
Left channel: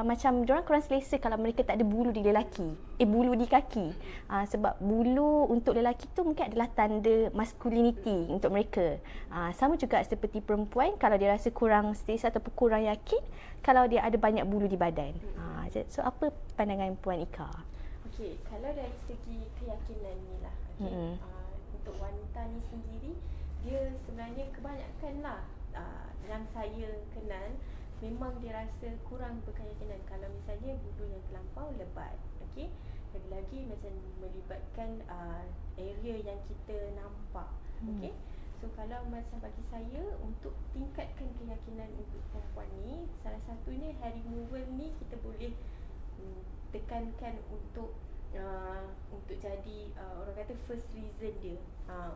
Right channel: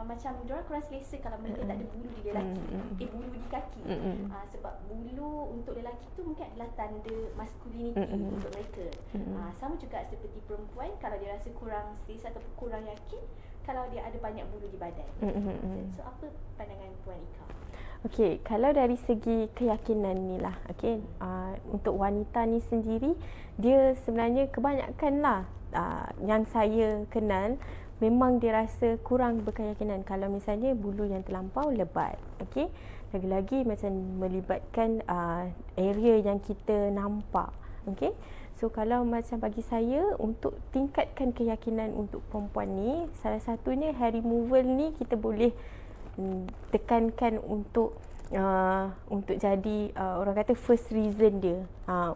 macam diorang kurang selesa kalau mereka tak ada bulu di lelaki. Bulu di kaki. Sebab bulu untuk lelaki tu mungkin adalah tanda masculinity untuk mereka. Sama juga seperti perempuan, kalau dia rasa kurang selesa ataupun kurang yakin kalau dia ada banyak bulu di badan. So apa pandangan Puan Ika? Okey, kalau dari segi keyakinan ni lah, okey. Untuk wanita ni sendiri, dia sebenarnya kebanyakan lah yang saya kenal memang dia rasa kurang berkeyakinan kalau misalnya bulu yang terlampau lebat. Okey. Lagi-lagi macam melibatkan area yang kita nampak. Okey. So kalau macam bagi saya, untuk tingkatkan keyakinan untuk perempuan ni, salah satunya hair removal ni kita boleh tekankan untuk jadi orang kata first reason dia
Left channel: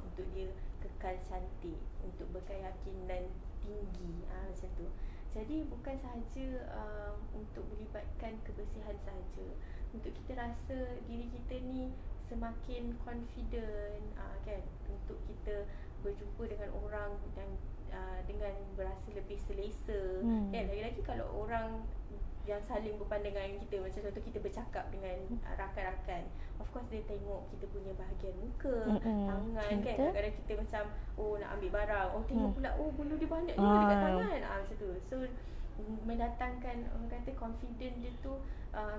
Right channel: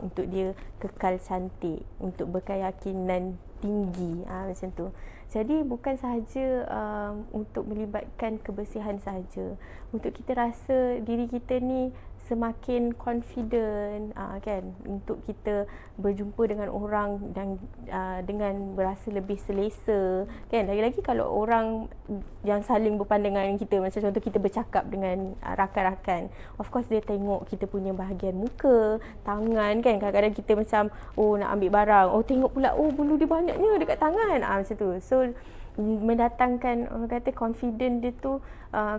untuk dia kekal cantik, untuk berkeyakinan tinggi, macam tu. Jadi bukan sahaja untuk melibatkan kebersihan sahaja, untuk kita rasa diri kita ni semakin confident kan, untuk kita berjumpa dengan orang dan dengan berasa lebih selesa kan. Lagi-lagi kalau orang yang saling berpandangan dengan kita, macam contoh kita bercakap dengan rakan-rakan, of course dia tengok kita punya bahagian muka, tangan kan. Kadang-kadang kita macam nak ambil barang, tengok pula bulu dia banyaknya dekat tangan, macam tu. So mendatangkan orang kata confident dia tu,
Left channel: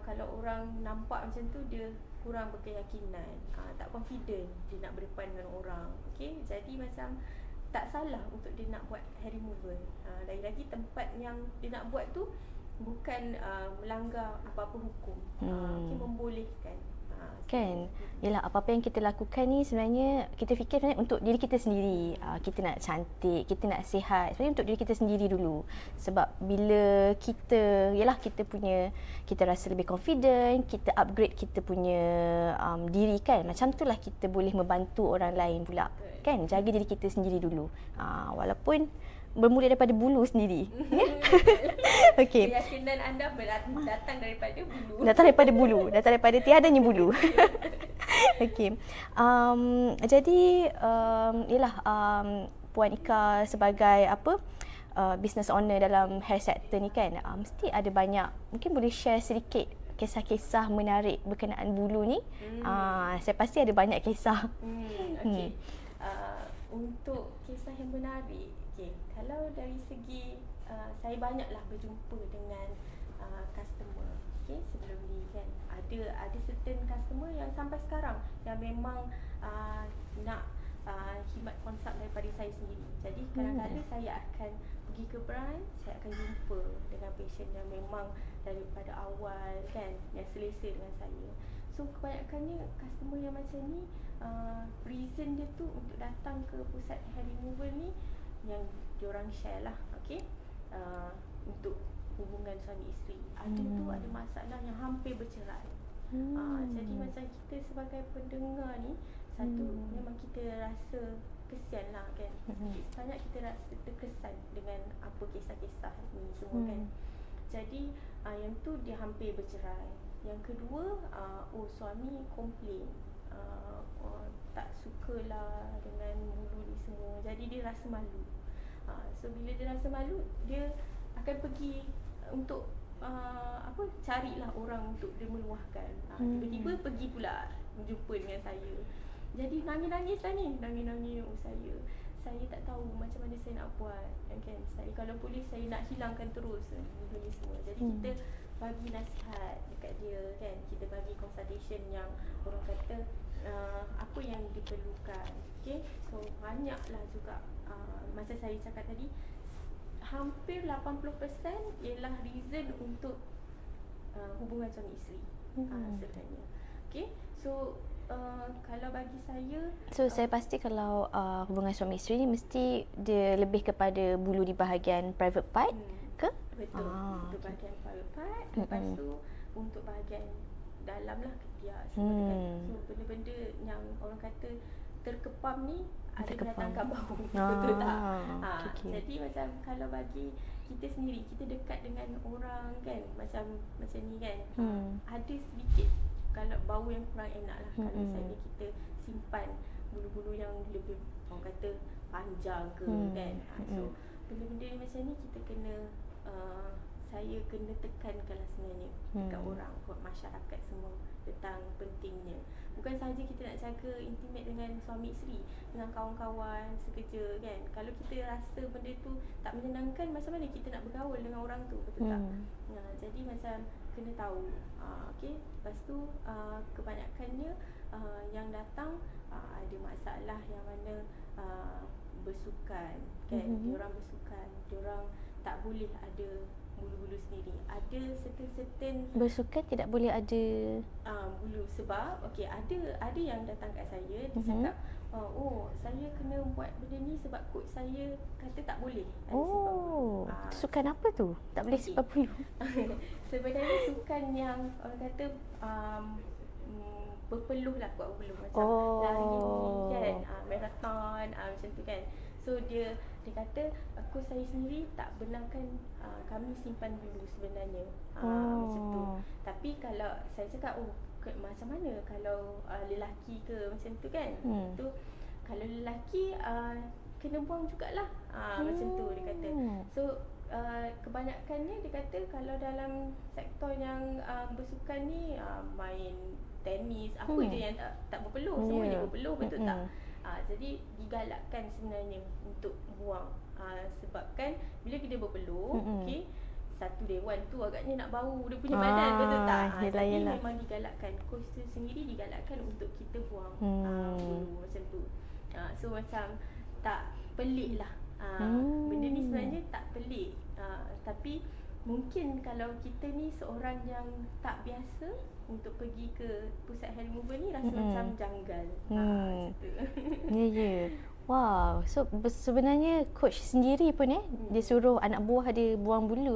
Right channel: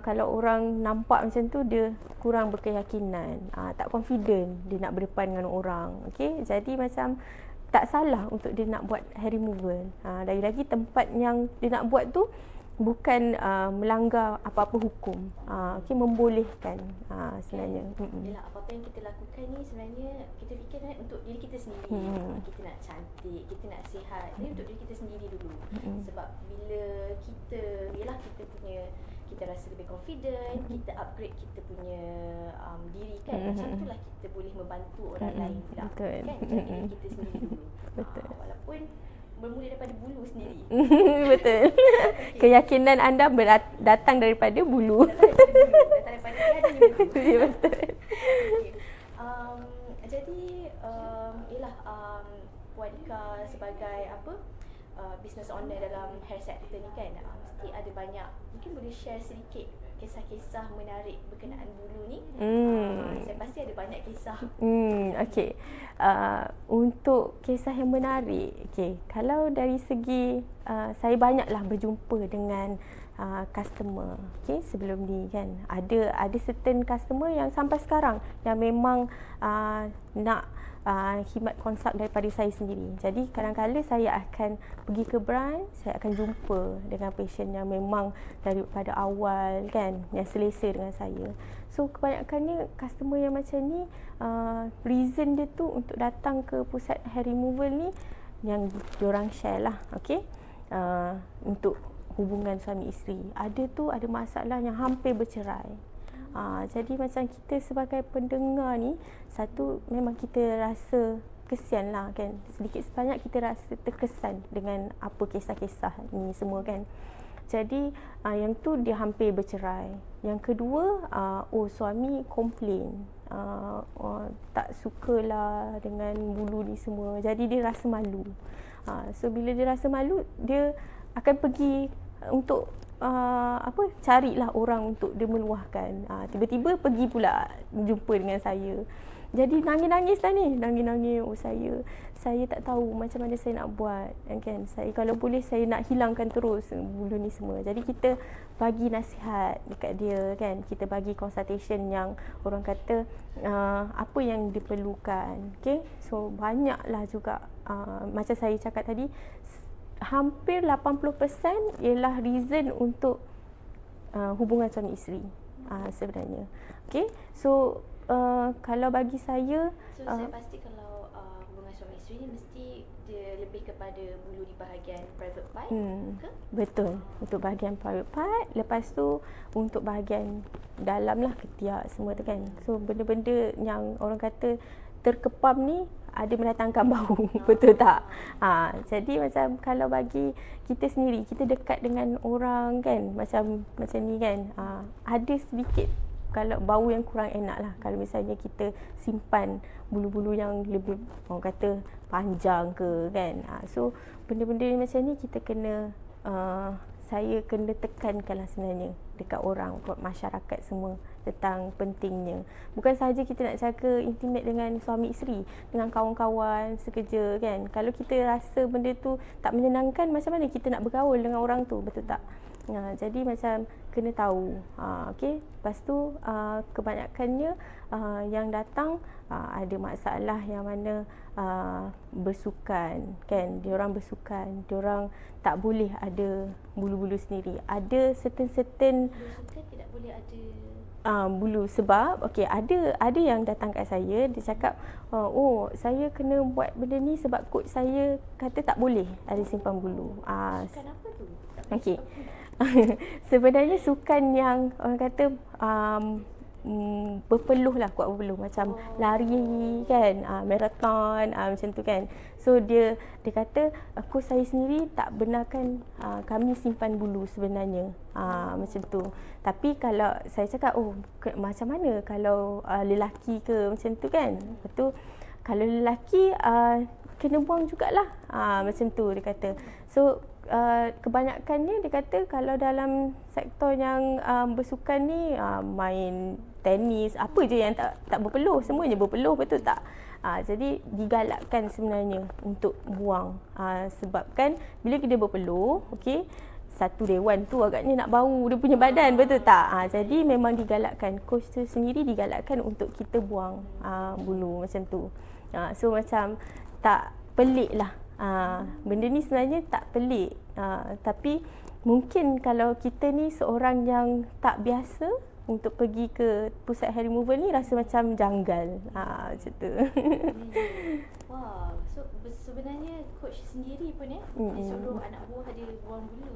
kalau orang nampak macam tu dia kurang berkeyakinan, tak confident dia nak berdepan dengan orang. Okey, jadi macam tak salah untuk dia nak buat hair removal. Lagi-lagi tempat yang dia nak buat tu bukan melanggar apa-apa hukum. Okay, membolehkan sebenarnya. Yelah, apa-apa yang kita lakukan ni sebenarnya kita fikir sebenarnya untuk diri kita sendiri. Kita nak cantik, kita nak sihat. Sebenarnya untuk diri kita sendiri dulu. Sebab bila kita, yelah kita rasa lebih confident, kita upgrade kita punya diri kan. Macam itulah kita boleh membantu orang lain pula. Kan? Jaga diri kita sendiri dulu. Walaupun bermula daripada bulu sendiri. Betul. Okay. Keyakinan anda datang daripada bulu. Datang daripada tiadanya bulu. Okey. Jadi ialah Puan Ika sebagai business owner dalam hair sector ni kan, mesti ada banyak, mungkin boleh share sedikit kisah-kisah menarik berkenaan bulu ni. Saya pasti ada banyak kisah. Okey. Untuk kisah yang menarik, kalau dari segi saya banyaklah berjumpa dengan customer. Sebelum ni kan ada certain customer yang sampai sekarang yang memang nak khidmat konsult daripada saya sendiri. Jadi kadang-kadang saya akan pergi ke branch, saya akan jumpa dengan patient yang memang daripada awal kan, yang selesa dengan saya. So kebanyakannya customer yang macam ni, reason dia tu untuk datang ke pusat hair removal ni yang diorang share lah, untuk hubungan suami isteri. Ada masalah yang hampir bercerai. Jadi macam kita sebagai pendengar ni, satu memang kita rasa kesian lah kan, sedikit sebanyak kita rasa terkesan dengan apa kisah-kisah ni semua kan. Jadi yang tu dia hampir bercerai. Yang kedua, suami komplain, tak sukalah dengan bulu ni semua. Jadi dia rasa malu. So bila dia rasa malu, dia akan pergi untuk carilah orang untuk dia meluahkan. Tiba-tiba pergi pula jumpa dengan saya. Jadi nangis-nangis lah ni, nangis-nangis. Saya tak tahu macam mana saya nak buat kan. Saya kalau boleh saya nak hilangkan terus bulu ni semua. Jadi kita bagi nasihat dekat dia kan. Kita bagi consultation yang orang kata apa yang diperlukan. So banyaklah juga macam saya cakap tadi, hampir 80% ialah reason untuk hubungan suami isteri sebenarnya. So kalau bagi saya, saya pasti kalau hubungan suami isteri ni mesti dia lebih kepada bulu di bahagian private part ke? Betul. Untuk bahagian private part, lepas tu untuk bahagian dalam lah, ketiak semua tu kan. So benda-benda yang orang kata terkepam ni ada mendatangkan bau. Betul tak? Jadi macam kalau bagi kita sendiri, kita dekat dengan orang kan, macam ni kan, ada sedikit kalau bau yang kurang enak lah. Kalau misalnya kita simpan bulu-bulu yang lebih orang kata panjang ke kan. So benda-benda macam ni kita kena saya kena tekankan lah sebenarnya dekat orang, buat masyarakat semua tentang pentingnya. Bukan sahaja kita nak jaga intimate dengan suami isteri, dengan kawan-kawan sekerja kan. Kalau kita rasa benda tu tak menyenangkan, macam mana kita nak bergaul dengan orang tu, betul tak? Jadi macam kena tahu. Lepas tu kebanyakannya yang datang ada masalah yang mana bersukan kan. Diorang bersukan, diorang tak boleh ada bulu-bulu sendiri. Ada certain Bersukan tidak boleh ada bulu sebab ada yang datang kat saya, dia cakap saya kena buat benda ni sebab coach saya kata tak boleh ada simpan bulu. Sukan apa tu? Tak boleh simpan bulu. Sebenarnya sukan yang orang kata berpeluh lah, kuat berpeluh macam lari kan, marathon macam tu kan. So dia kata coach saya sendiri tak benarkan kami simpan bulu sebenarnya. Macam tu. Tapi kalau saya cakap macam mana kalau lelaki ke macam tu kan. Betul. Kalau lelaki kena buang jugalah. Macam tu dia kata. So kebanyakannya dia kata kalau dalam sektor yang bersukan ni, main tenis, apa je yang tak berpeluh, semuanya berpeluh, betul tak? Jadi digalakkan sebenarnya untuk buang. Sebab kan bila dia berpeluh, satu dewan tu agaknya nak bau dia punya badan, betul tak? Jadi memang digalakkan, coach tu sendiri digalakkan untuk kita buang bulu macam tu. So macam tak pelik lah. Benda ni sebenarnya tak pelik. Tapi mungkin kalau kita ni seorang yang tak biasa untuk pergi ke pusat hair removal ni rasa macam janggal. Macam tu. Ya. Wow. So sebenarnya coach sendiri pun dia suruh anak buah dia buang bulu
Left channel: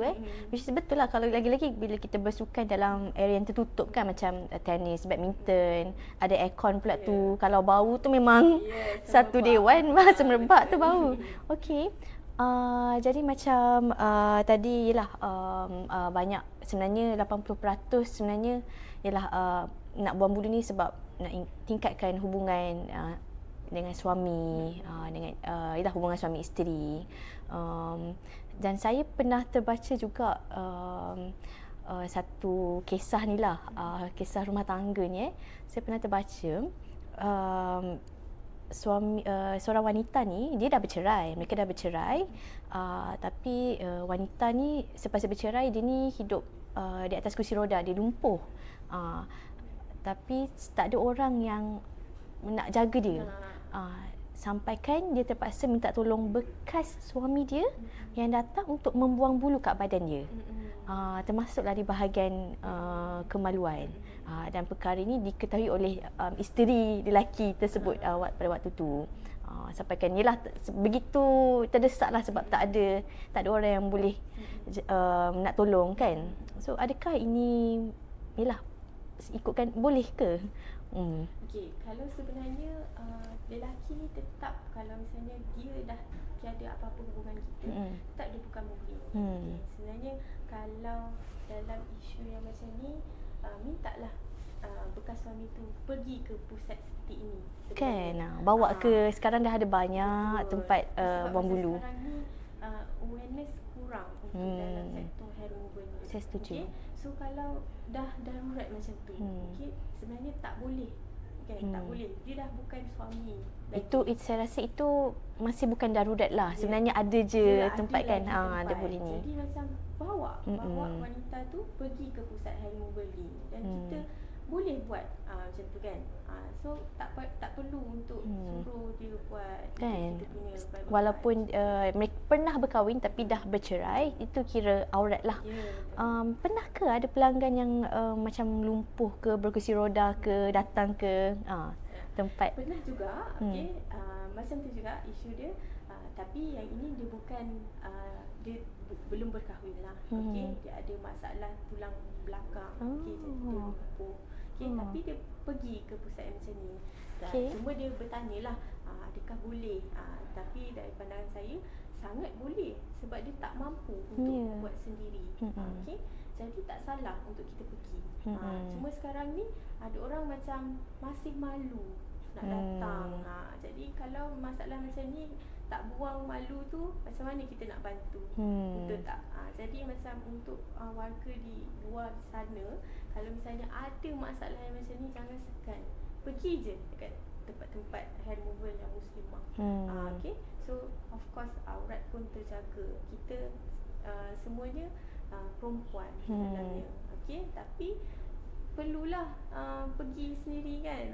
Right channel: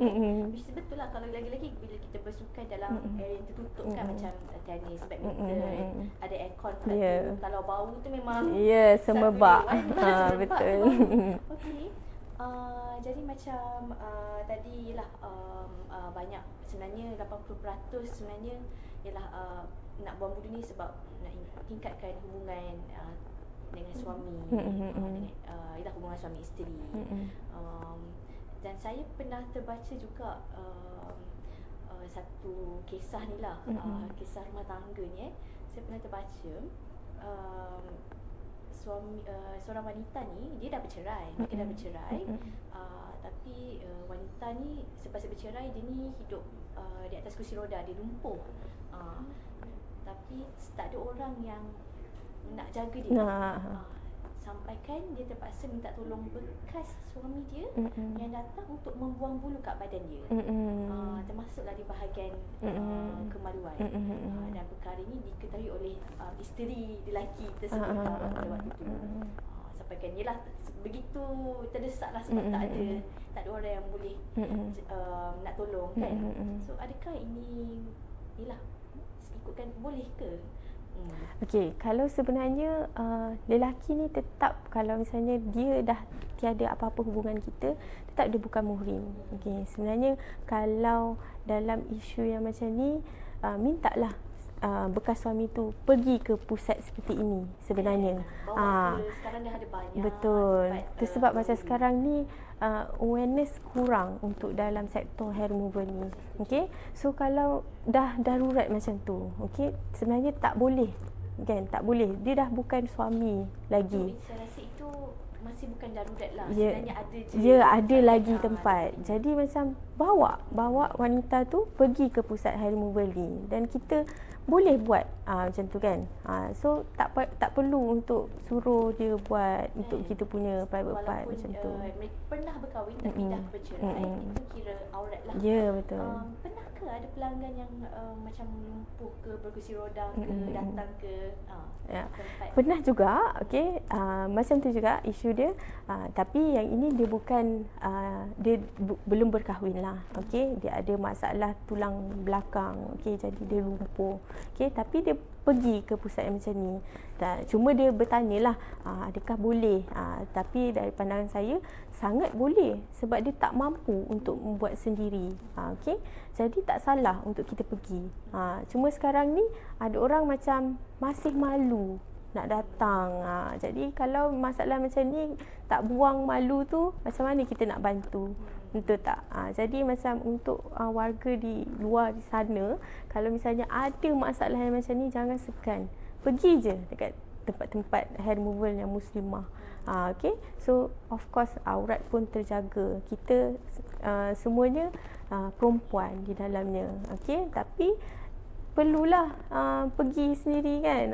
Which is betul lah, kalau lagi-lagi bila kita bersukan dalam area yang tertutup kan, macam tenis, badminton, ada aircon pula tu. Kalau bau tu memang satu dewan semerbak tu bau. Okey. Jadi macam tadi ialah banyak sebenarnya 80% sebenarnya ialah nak buang bulu ni sebab nak tingkatkan hubungan dengan suami, dengan ialah hubungan suami isteri. Dan saya pernah terbaca juga satu kisah ni lah, kisah rumah tangga ni saya pernah terbaca seorang wanita ni dia dah bercerai, mereka dah bercerai, tapi wanita ni selepas bercerai dia ni hidup di atas kursi roda, dia lumpuh, tapi tak ada orang yang nak jaga dia. Sampaikan dia terpaksa minta tolong bekas suami dia yang datang untuk membuang bulu kat badan dia. Termasuklah di bahagian kemaluan. Dan perkara ini diketahui oleh isteri lelaki tersebut pada waktu tu. Sampaikan yelah begitu terdesaklah sebab tak ada orang yang boleh nak tolong kan. So adakah ini yelah ikutkan boleh ke? Okey, kalau sebenarnya lelaki ni tetap kalau misalnya dia dah tiada apa-apa hubungan kita, tetap dia bukan muhrim. Okey, sebenarnya kalau dalam isu yang macam ni mintalah bekas suami tu pergi ke pusat seperti ini sebenarnya. Bawa ke, sekarang dah ada banyak tempat sebab macam sekarang ni awareness kurang untuk dalam sektor hair removal ni. Okey. So kalau dah darurat macam tu, okey, sebenarnya tak boleh. Kan, tak boleh. Dia dah bukan suami lagi. Itu saya rasa itu masih bukan darurat lah. Sebenarnya ada je. Ada lagi tempat. Jadi macam bawa wanita tu pergi ke pusat hair removal ni dan kita boleh buat macam tu kan. So tak perlu untuk suruh dia buat untuk kita punya private walaupun mereka pernah berkahwin tapi dah bercerai, itu kira aurat lah. Ya, betul. Pernah ke ada pelanggan yang macam lumpuh ke, berkursi roda ke, datang ke tempat? Pernah juga. Okey, macam tu juga isu dia. Tapi yang ini dia bukan dia belum berkahwin lah. Okey, dia ada masalah tulang belakang. Okey, jadi dia lumpuh. Okey, tapi dia pergi ke pusat yang macam ni. Cuma dia bertanyalah adakah boleh. Tapi dari pandangan saya sangat boleh sebab dia tak mampu untuk membuat sendiri. Okey, jadi tak salah untuk kita pergi. Cuma sekarang ni ada orang macam masih malu nak datang. Jadi kalau masalah macam ni tak buang malu tu, macam mana kita nak bantu? Betul tak? Jadi macam untuk warga di luar di sana, kalau misalnya ada masalah yang macam ni, jangan segan. Pergi je dekat tempat-tempat hair removal yang muslimah. Okay? So of course aurat pun terjaga. Kita semuanya perempuan di dalamnya. Okay? Tapi perlulah pergi sendiri kan.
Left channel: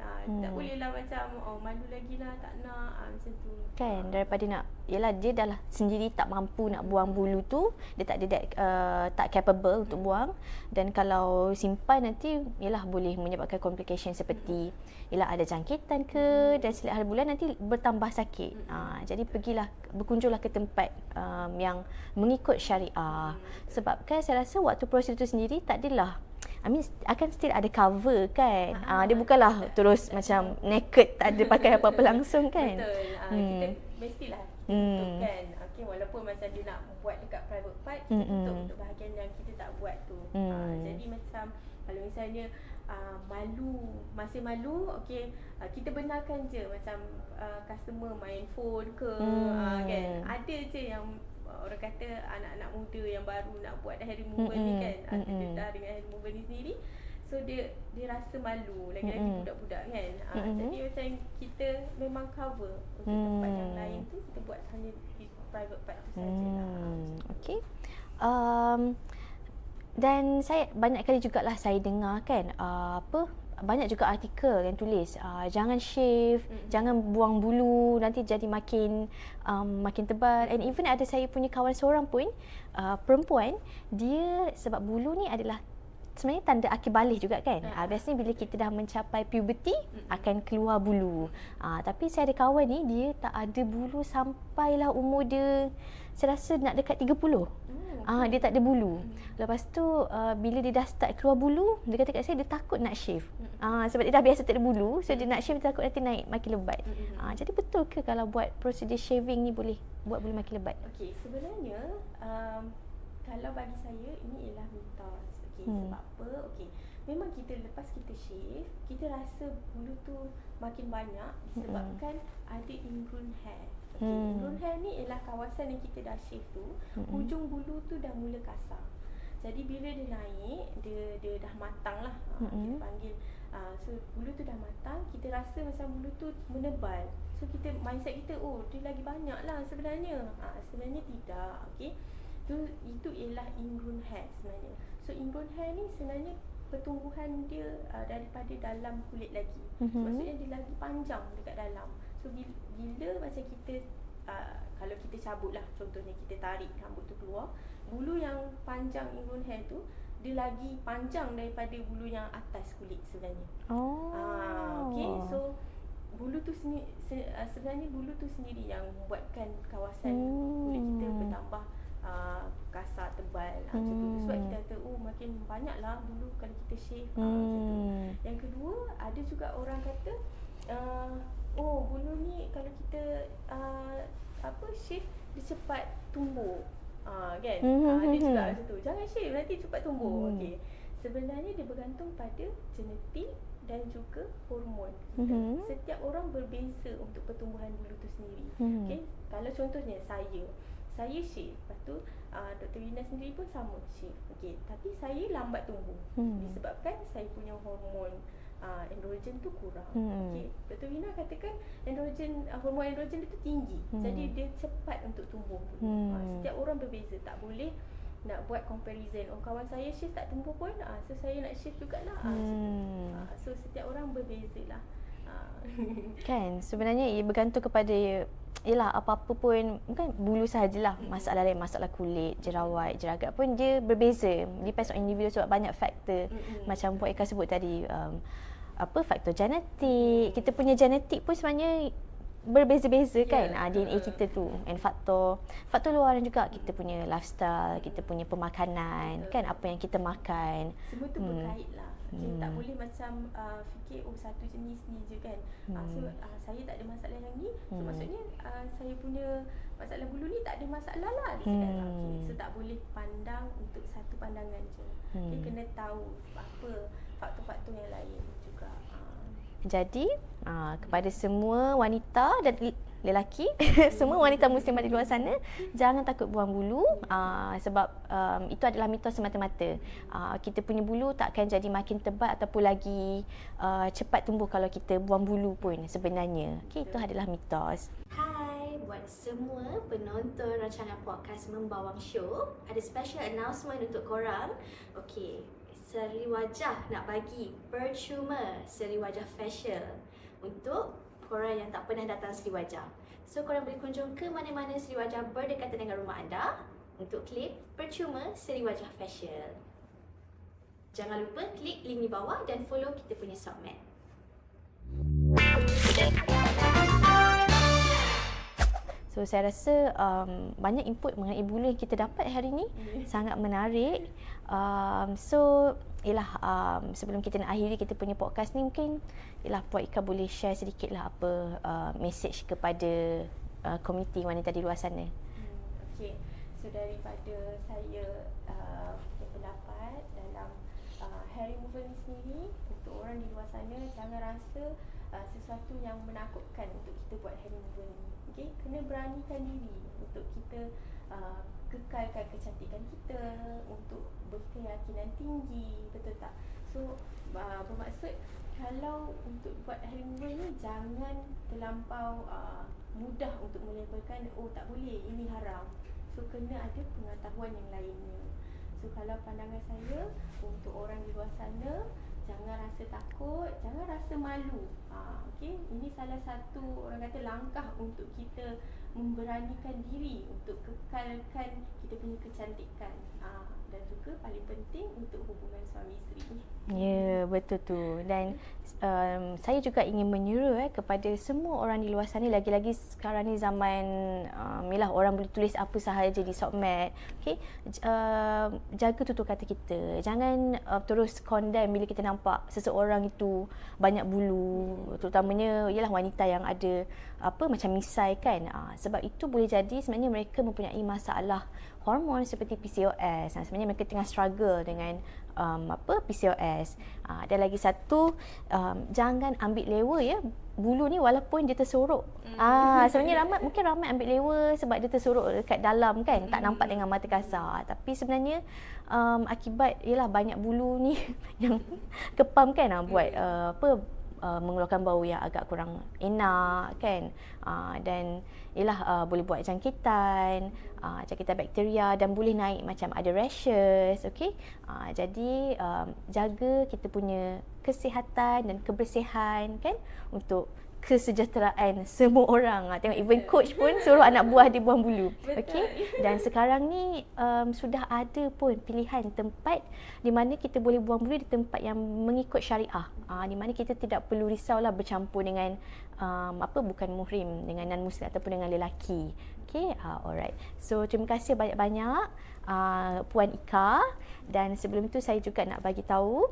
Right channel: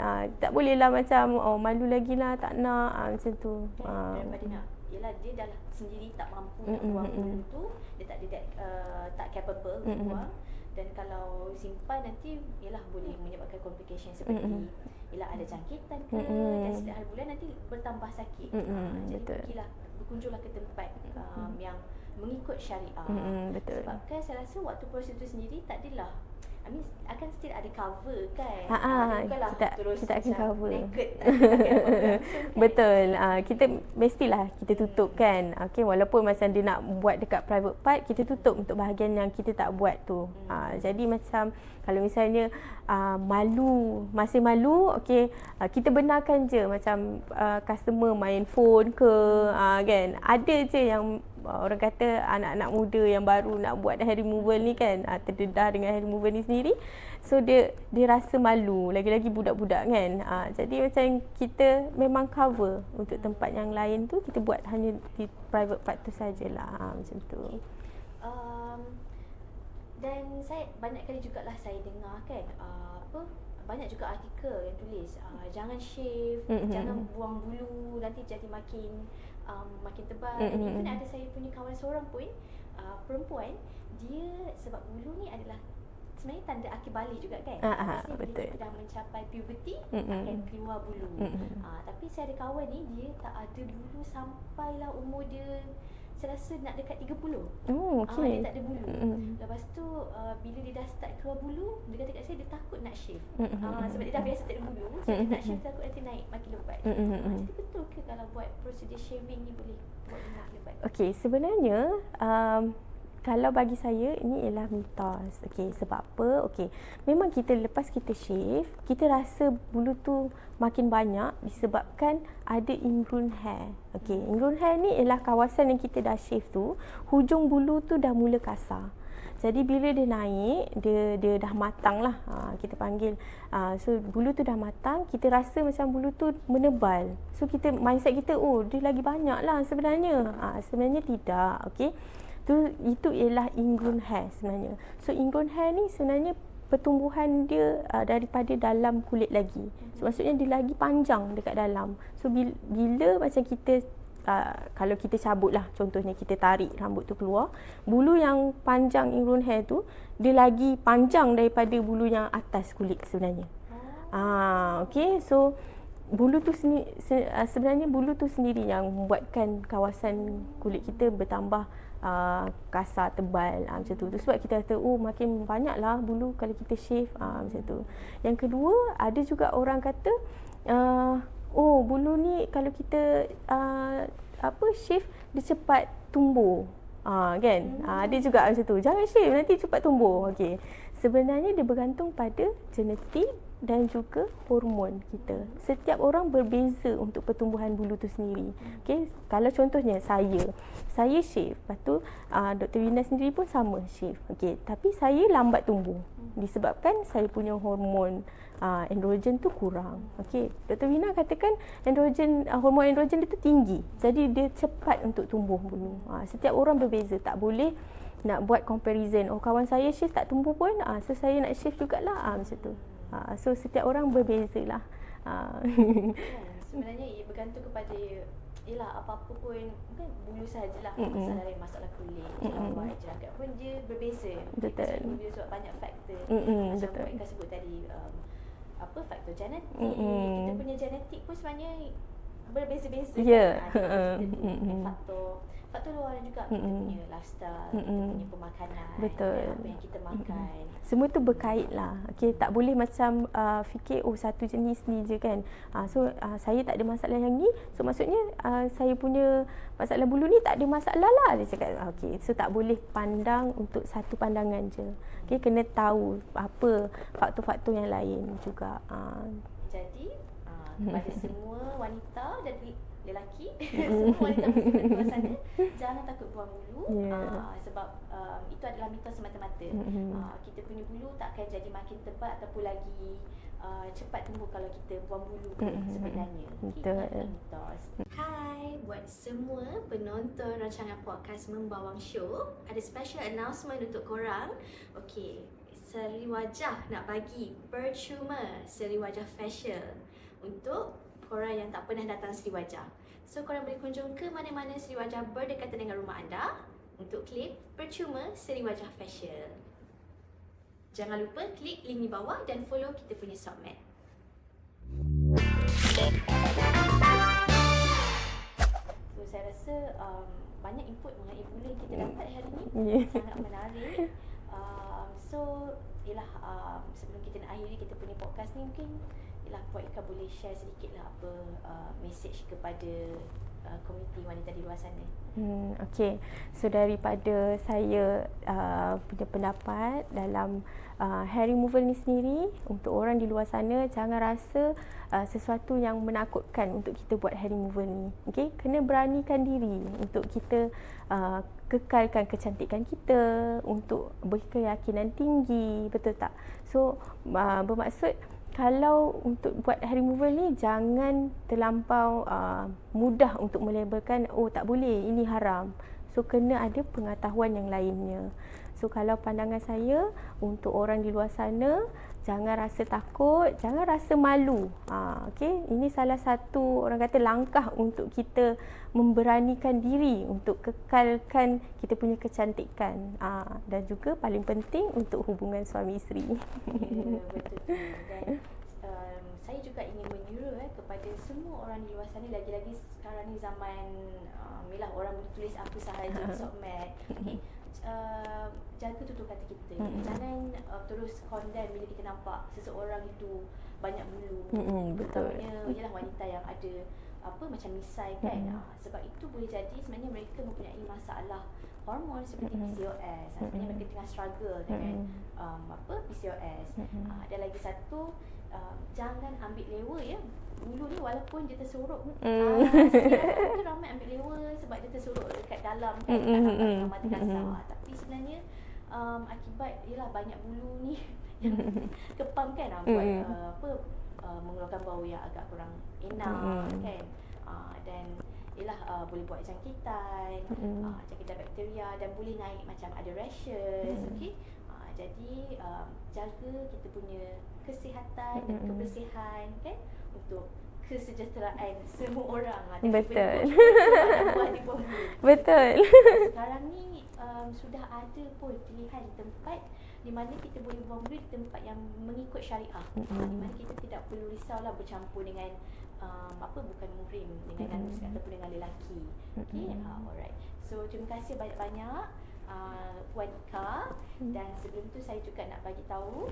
Tak bolehlah macam malu lagi lah, tak nak macam tu kan. Daripada nak, yelah dia dah lah sendiri tak mampu nak buang bulu tu, dia tak ada tak capable untuk buang. Dan kalau simpan nanti yelah boleh menyebabkan complication seperti yelah ada jangkitan ke, dan setiap hari bulan nanti bertambah sakit. Jadi pergilah, berkunjunglah ke tempat yang mengikut syariah. Sebab kan saya rasa waktu proses tu sendiri tak adalah, akan still ada cover kan. Dia bukanlah terus macam naked, tak ada pakai apa-apa langsung kan. Betul. Kita mestilah kita tutup kan. Okay, walaupun macam dia nak buat dekat private part, kita tutup untuk bahagian yang kita tak buat tu. Jadi macam kalau misalnya masih malu, okay, kita benarkan je macam customer main phone ke, kan. Ada je yang orang kata anak-anak muda yang baru nak buat hair removal ni kan, terdedah dengan hair removal ni sendiri. So dia rasa malu, lagi-lagi budak-budak kan. Jadi macam kita memang cover untuk tempat yang lain tu, kita buat hanya di private part tu sajalah. Macam tu. Okay. Dan saya banyak kali jugalah saya dengar kan banyak juga artikel yang tulis jangan shave, jangan buang bulu, nanti jadi makin tebal. And even ada saya punya kawan seorang pun perempuan, dia sebab bulu ni adalah sebenarnya tanda akhir balik juga kan. Biasanya bila kita dah mencapai puberty akan keluar bulu. Tapi saya ada kawan ni, dia tak ada bulu sampailah umur dia, saya rasa nak dekat 30. Dia tak ada bulu. Lepas tu bila dia dah start keluar bulu, dia kata kat saya dia takut nak shave. Sebab dia dah biasa tak ada bulu, so dia nak shave, dia takut nanti naik makin lebat. Jadi betul ke kalau buat prosedur shaving ni boleh buat bulu makin lebat? Okey, sebenarnya kalau bagi saya ini ialah mitos. Okey, sebab apa? Okey, memang kita lepas kita shave, kita rasa bulu tu makin banyak disebabkan ada ingrown hair. Okey, ingrown hair ni ialah kawasan yang kita dah shave tu, hujung bulu tu dah mula kasar. Jadi bila dia naik, dia dah matang lah, kita panggil. So bulu tu dah matang, kita rasa macam bulu tu menebal. So kita mindset kita, oh dia lagi banyak lah sebenarnya. Sebenarnya tidak. Okey, itu ialah ingrown hair sebenarnya. So ingrown hair ni sebenarnya pertumbuhan dia daripada dalam kulit lagi. So, maksudnya dia lagi panjang dekat dalam. So bila macam kita kalau kita cabut lah, contohnya kita tarik rambut tu keluar, bulu yang panjang ingrown hair tu dia lagi panjang daripada bulu yang atas kulit sebenarnya. Okey, so bulu tu sebenarnya bulu tu sendiri yang membuatkan kawasan kulit kita bertambah kasar, tebal, macam tu. Sebab kita kata, oh makin banyaklah bulu kalau kita shave, macam tu. Yang kedua, ada juga orang kata, oh bulu ni kalau kita shave, dia cepat tumbuh. Kan? Ada juga macam tu. Jangan shave, nanti cepat tumbuh. Okey. Sebenarnya dia bergantung pada genetik dan juga hormon kita. Setiap orang berbeza untuk pertumbuhan bulu tu sendiri. Okey, kalau contohnya saya shave, lepas tu Dr. Wina sendiri pun sama shave. Okey, tapi saya lambat tumbuh disebabkan saya punya hormon androgen tu kurang. Okey, Dr. Wina katakan hormon androgen dia tu tinggi. Jadi dia cepat untuk tumbuh bulu. Setiap orang berbeza, tak boleh nak buat comparison. Oh kawan saya shave tak tumbuh pun, so saya nak shave jugalah, macam tu. So setiap orang berbezalah. Kan sebenarnya ia bergantung kepada ialah apa-apa pun, bukan bulu sahajalah, masalah lain, masalah kulit, jerawat, jeragat pun dia berbeza. Depends on individu sebab banyak faktor. Macam Puan Eka sebut tadi, faktor genetik. Kita punya genetik pun sebenarnya berbeza-beza kan, DNA kita tu. And faktor luaran juga, kita punya lifestyle, kita punya pemakanan. Betul. Kan, apa yang kita makan, semua tu berkait lah. Okay, tak boleh macam fikir satu jenis ni je kan. So saya tak ada masalah yang ni, so maksudnya saya punya masalah bulu ni tak ada masalah lah, dia cakap. Okay, so tak boleh pandang untuk satu pandangan je. Okay, kena tahu apa faktor-faktor yang lain juga. Jadi kepada semua wanita dan lelaki, semua wanita muslimat di luar sana, jangan takut buang bulu. Sebab itu adalah mitos semata-mata. Kita punya bulu tak akan jadi makin tebal ataupun lagi cepat tumbuh kalau kita buang bulu pun sebenarnya. Okay, itu adalah mitos. Hai, buat semua penonton rancangan podcast Membawang Show, ada special announcement untuk korang. Okay, seri wajah nak bagi percuma seri wajah facial untuk korang yang tak pernah datang seri wajah. So korang boleh kunjung ke mana-mana seri wajah berdekatan dengan rumah anda untuk klik percuma seri wajah facial. Jangan lupa klik link di bawah dan follow kita punya submat. So saya rasa banyak input mengenai bulu yang kita dapat hari ni. Sangat menarik. Sebelum kita nak akhiri kita punya podcast ni, mungkin Puan Ika boleh share sedikit lah apa message kepada komuniti wanita di luar sana. Okay, so daripada saya punya pendapat dalam hair removal ni sendiri, untuk orang di luar sana jangan rasa sesuatu yang menakutkan untuk kita buat hair removal ni. Okay, kena beranikan diri untuk kita kekalkan kecantikan kita, untuk berkeyakinan tinggi, betul tak? So bermaksud kalau untuk buat hair removal ni jangan terlampau mudah untuk melabelkan, oh tak boleh, ini haram. So kena ada pengetahuan yang lainnya. So kalau pandangan saya untuk orang di luar sana, jangan rasa takut, jangan rasa malu. Okey, ini salah satu orang kata langkah untuk kita memberanikan diri untuk kekalkan kita punya kecantikan. Dan juga paling penting untuk hubungan suami isteri. Ya, betul tu. Dan saya juga ingin menyuruh kepada semua orang di luar sana, lagi-lagi sekarang ni zaman yalah, orang boleh tulis apa sahaja di sokmed. Okey, jaga tutur kata kita. Jangan terus condemn bila kita nampak seseorang itu banyak bulu, terutamanya ialah wanita yang ada macam misai kan. Sebab itu boleh jadi sebenarnya mereka mempunyai masalah hormon seperti PCOS. Sebenarnya mereka tengah struggle dengan PCOS. Dan lagi satu, jangan ambil lewa ya bulu ni walaupun dia tersorok. Sebenarnya mungkin ramai ambil lewa sebab dia tersorok dekat dalam kan, tak nampak dengan mata kasar. Tapi sebenarnya akibat ialah banyak bulu ni yang kepam kan, buat mengeluarkan bau yang agak kurang enak kan. Dan ialah boleh buat jangkitan, jangkitan bakteria, dan boleh naik macam ada rashes. Okey, jadi jaga kita punya kesihatan dan kebersihan kan, untuk kesejahteraan semua orang. Tengok even coach pun suruh anak buah dia buang bulu. Betul. Okay? Dan sekarang ni sudah ada pun pilihan tempat di mana kita boleh buang bulu di tempat yang mengikut syariah. Di mana kita tidak perlu risaulah bercampur dengan bukan muhrim, dengan non muslim ataupun dengan lelaki. Okey, alright. So terima kasih banyak-banyak Puan Ika, dan sebelum tu saya juga nak bagi tahu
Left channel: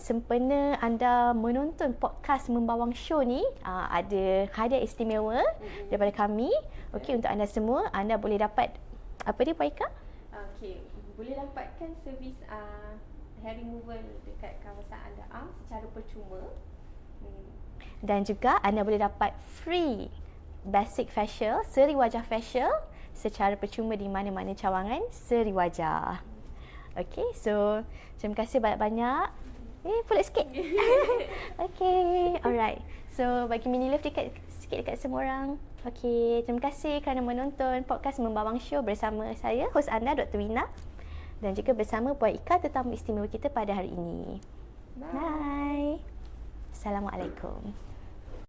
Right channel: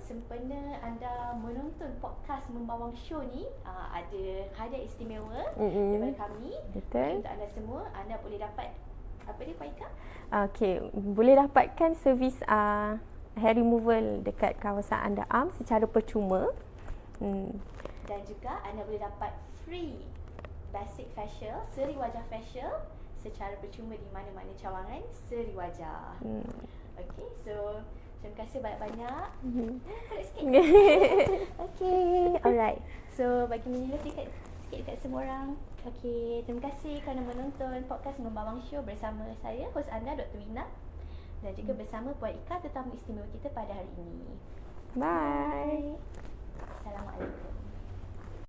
sempena anda menonton podcast Membawang Show ni, ada hadiah istimewa daripada kami. Okey, untuk anda semua, anda boleh dapat apa dia Puan Ika? Okey, boleh dapatkan servis hair removal dekat kawasan Underarm secara percuma. Dan juga anda boleh dapat free basic facial, seri wajah facial secara percuma di mana-mana cawangan seri wajah. Okay, so terima kasih banyak-banyak. Pulut sikit. Okay, alright. So bagi mini love sikit dekat semua orang. Okay, terima kasih kerana menonton podcast Membawang Show bersama saya, hos anda Dr. Wina, dan juga bersama Puan Ika, tetamu istimewa kita pada hari ini. Bye. Assalamualaikum.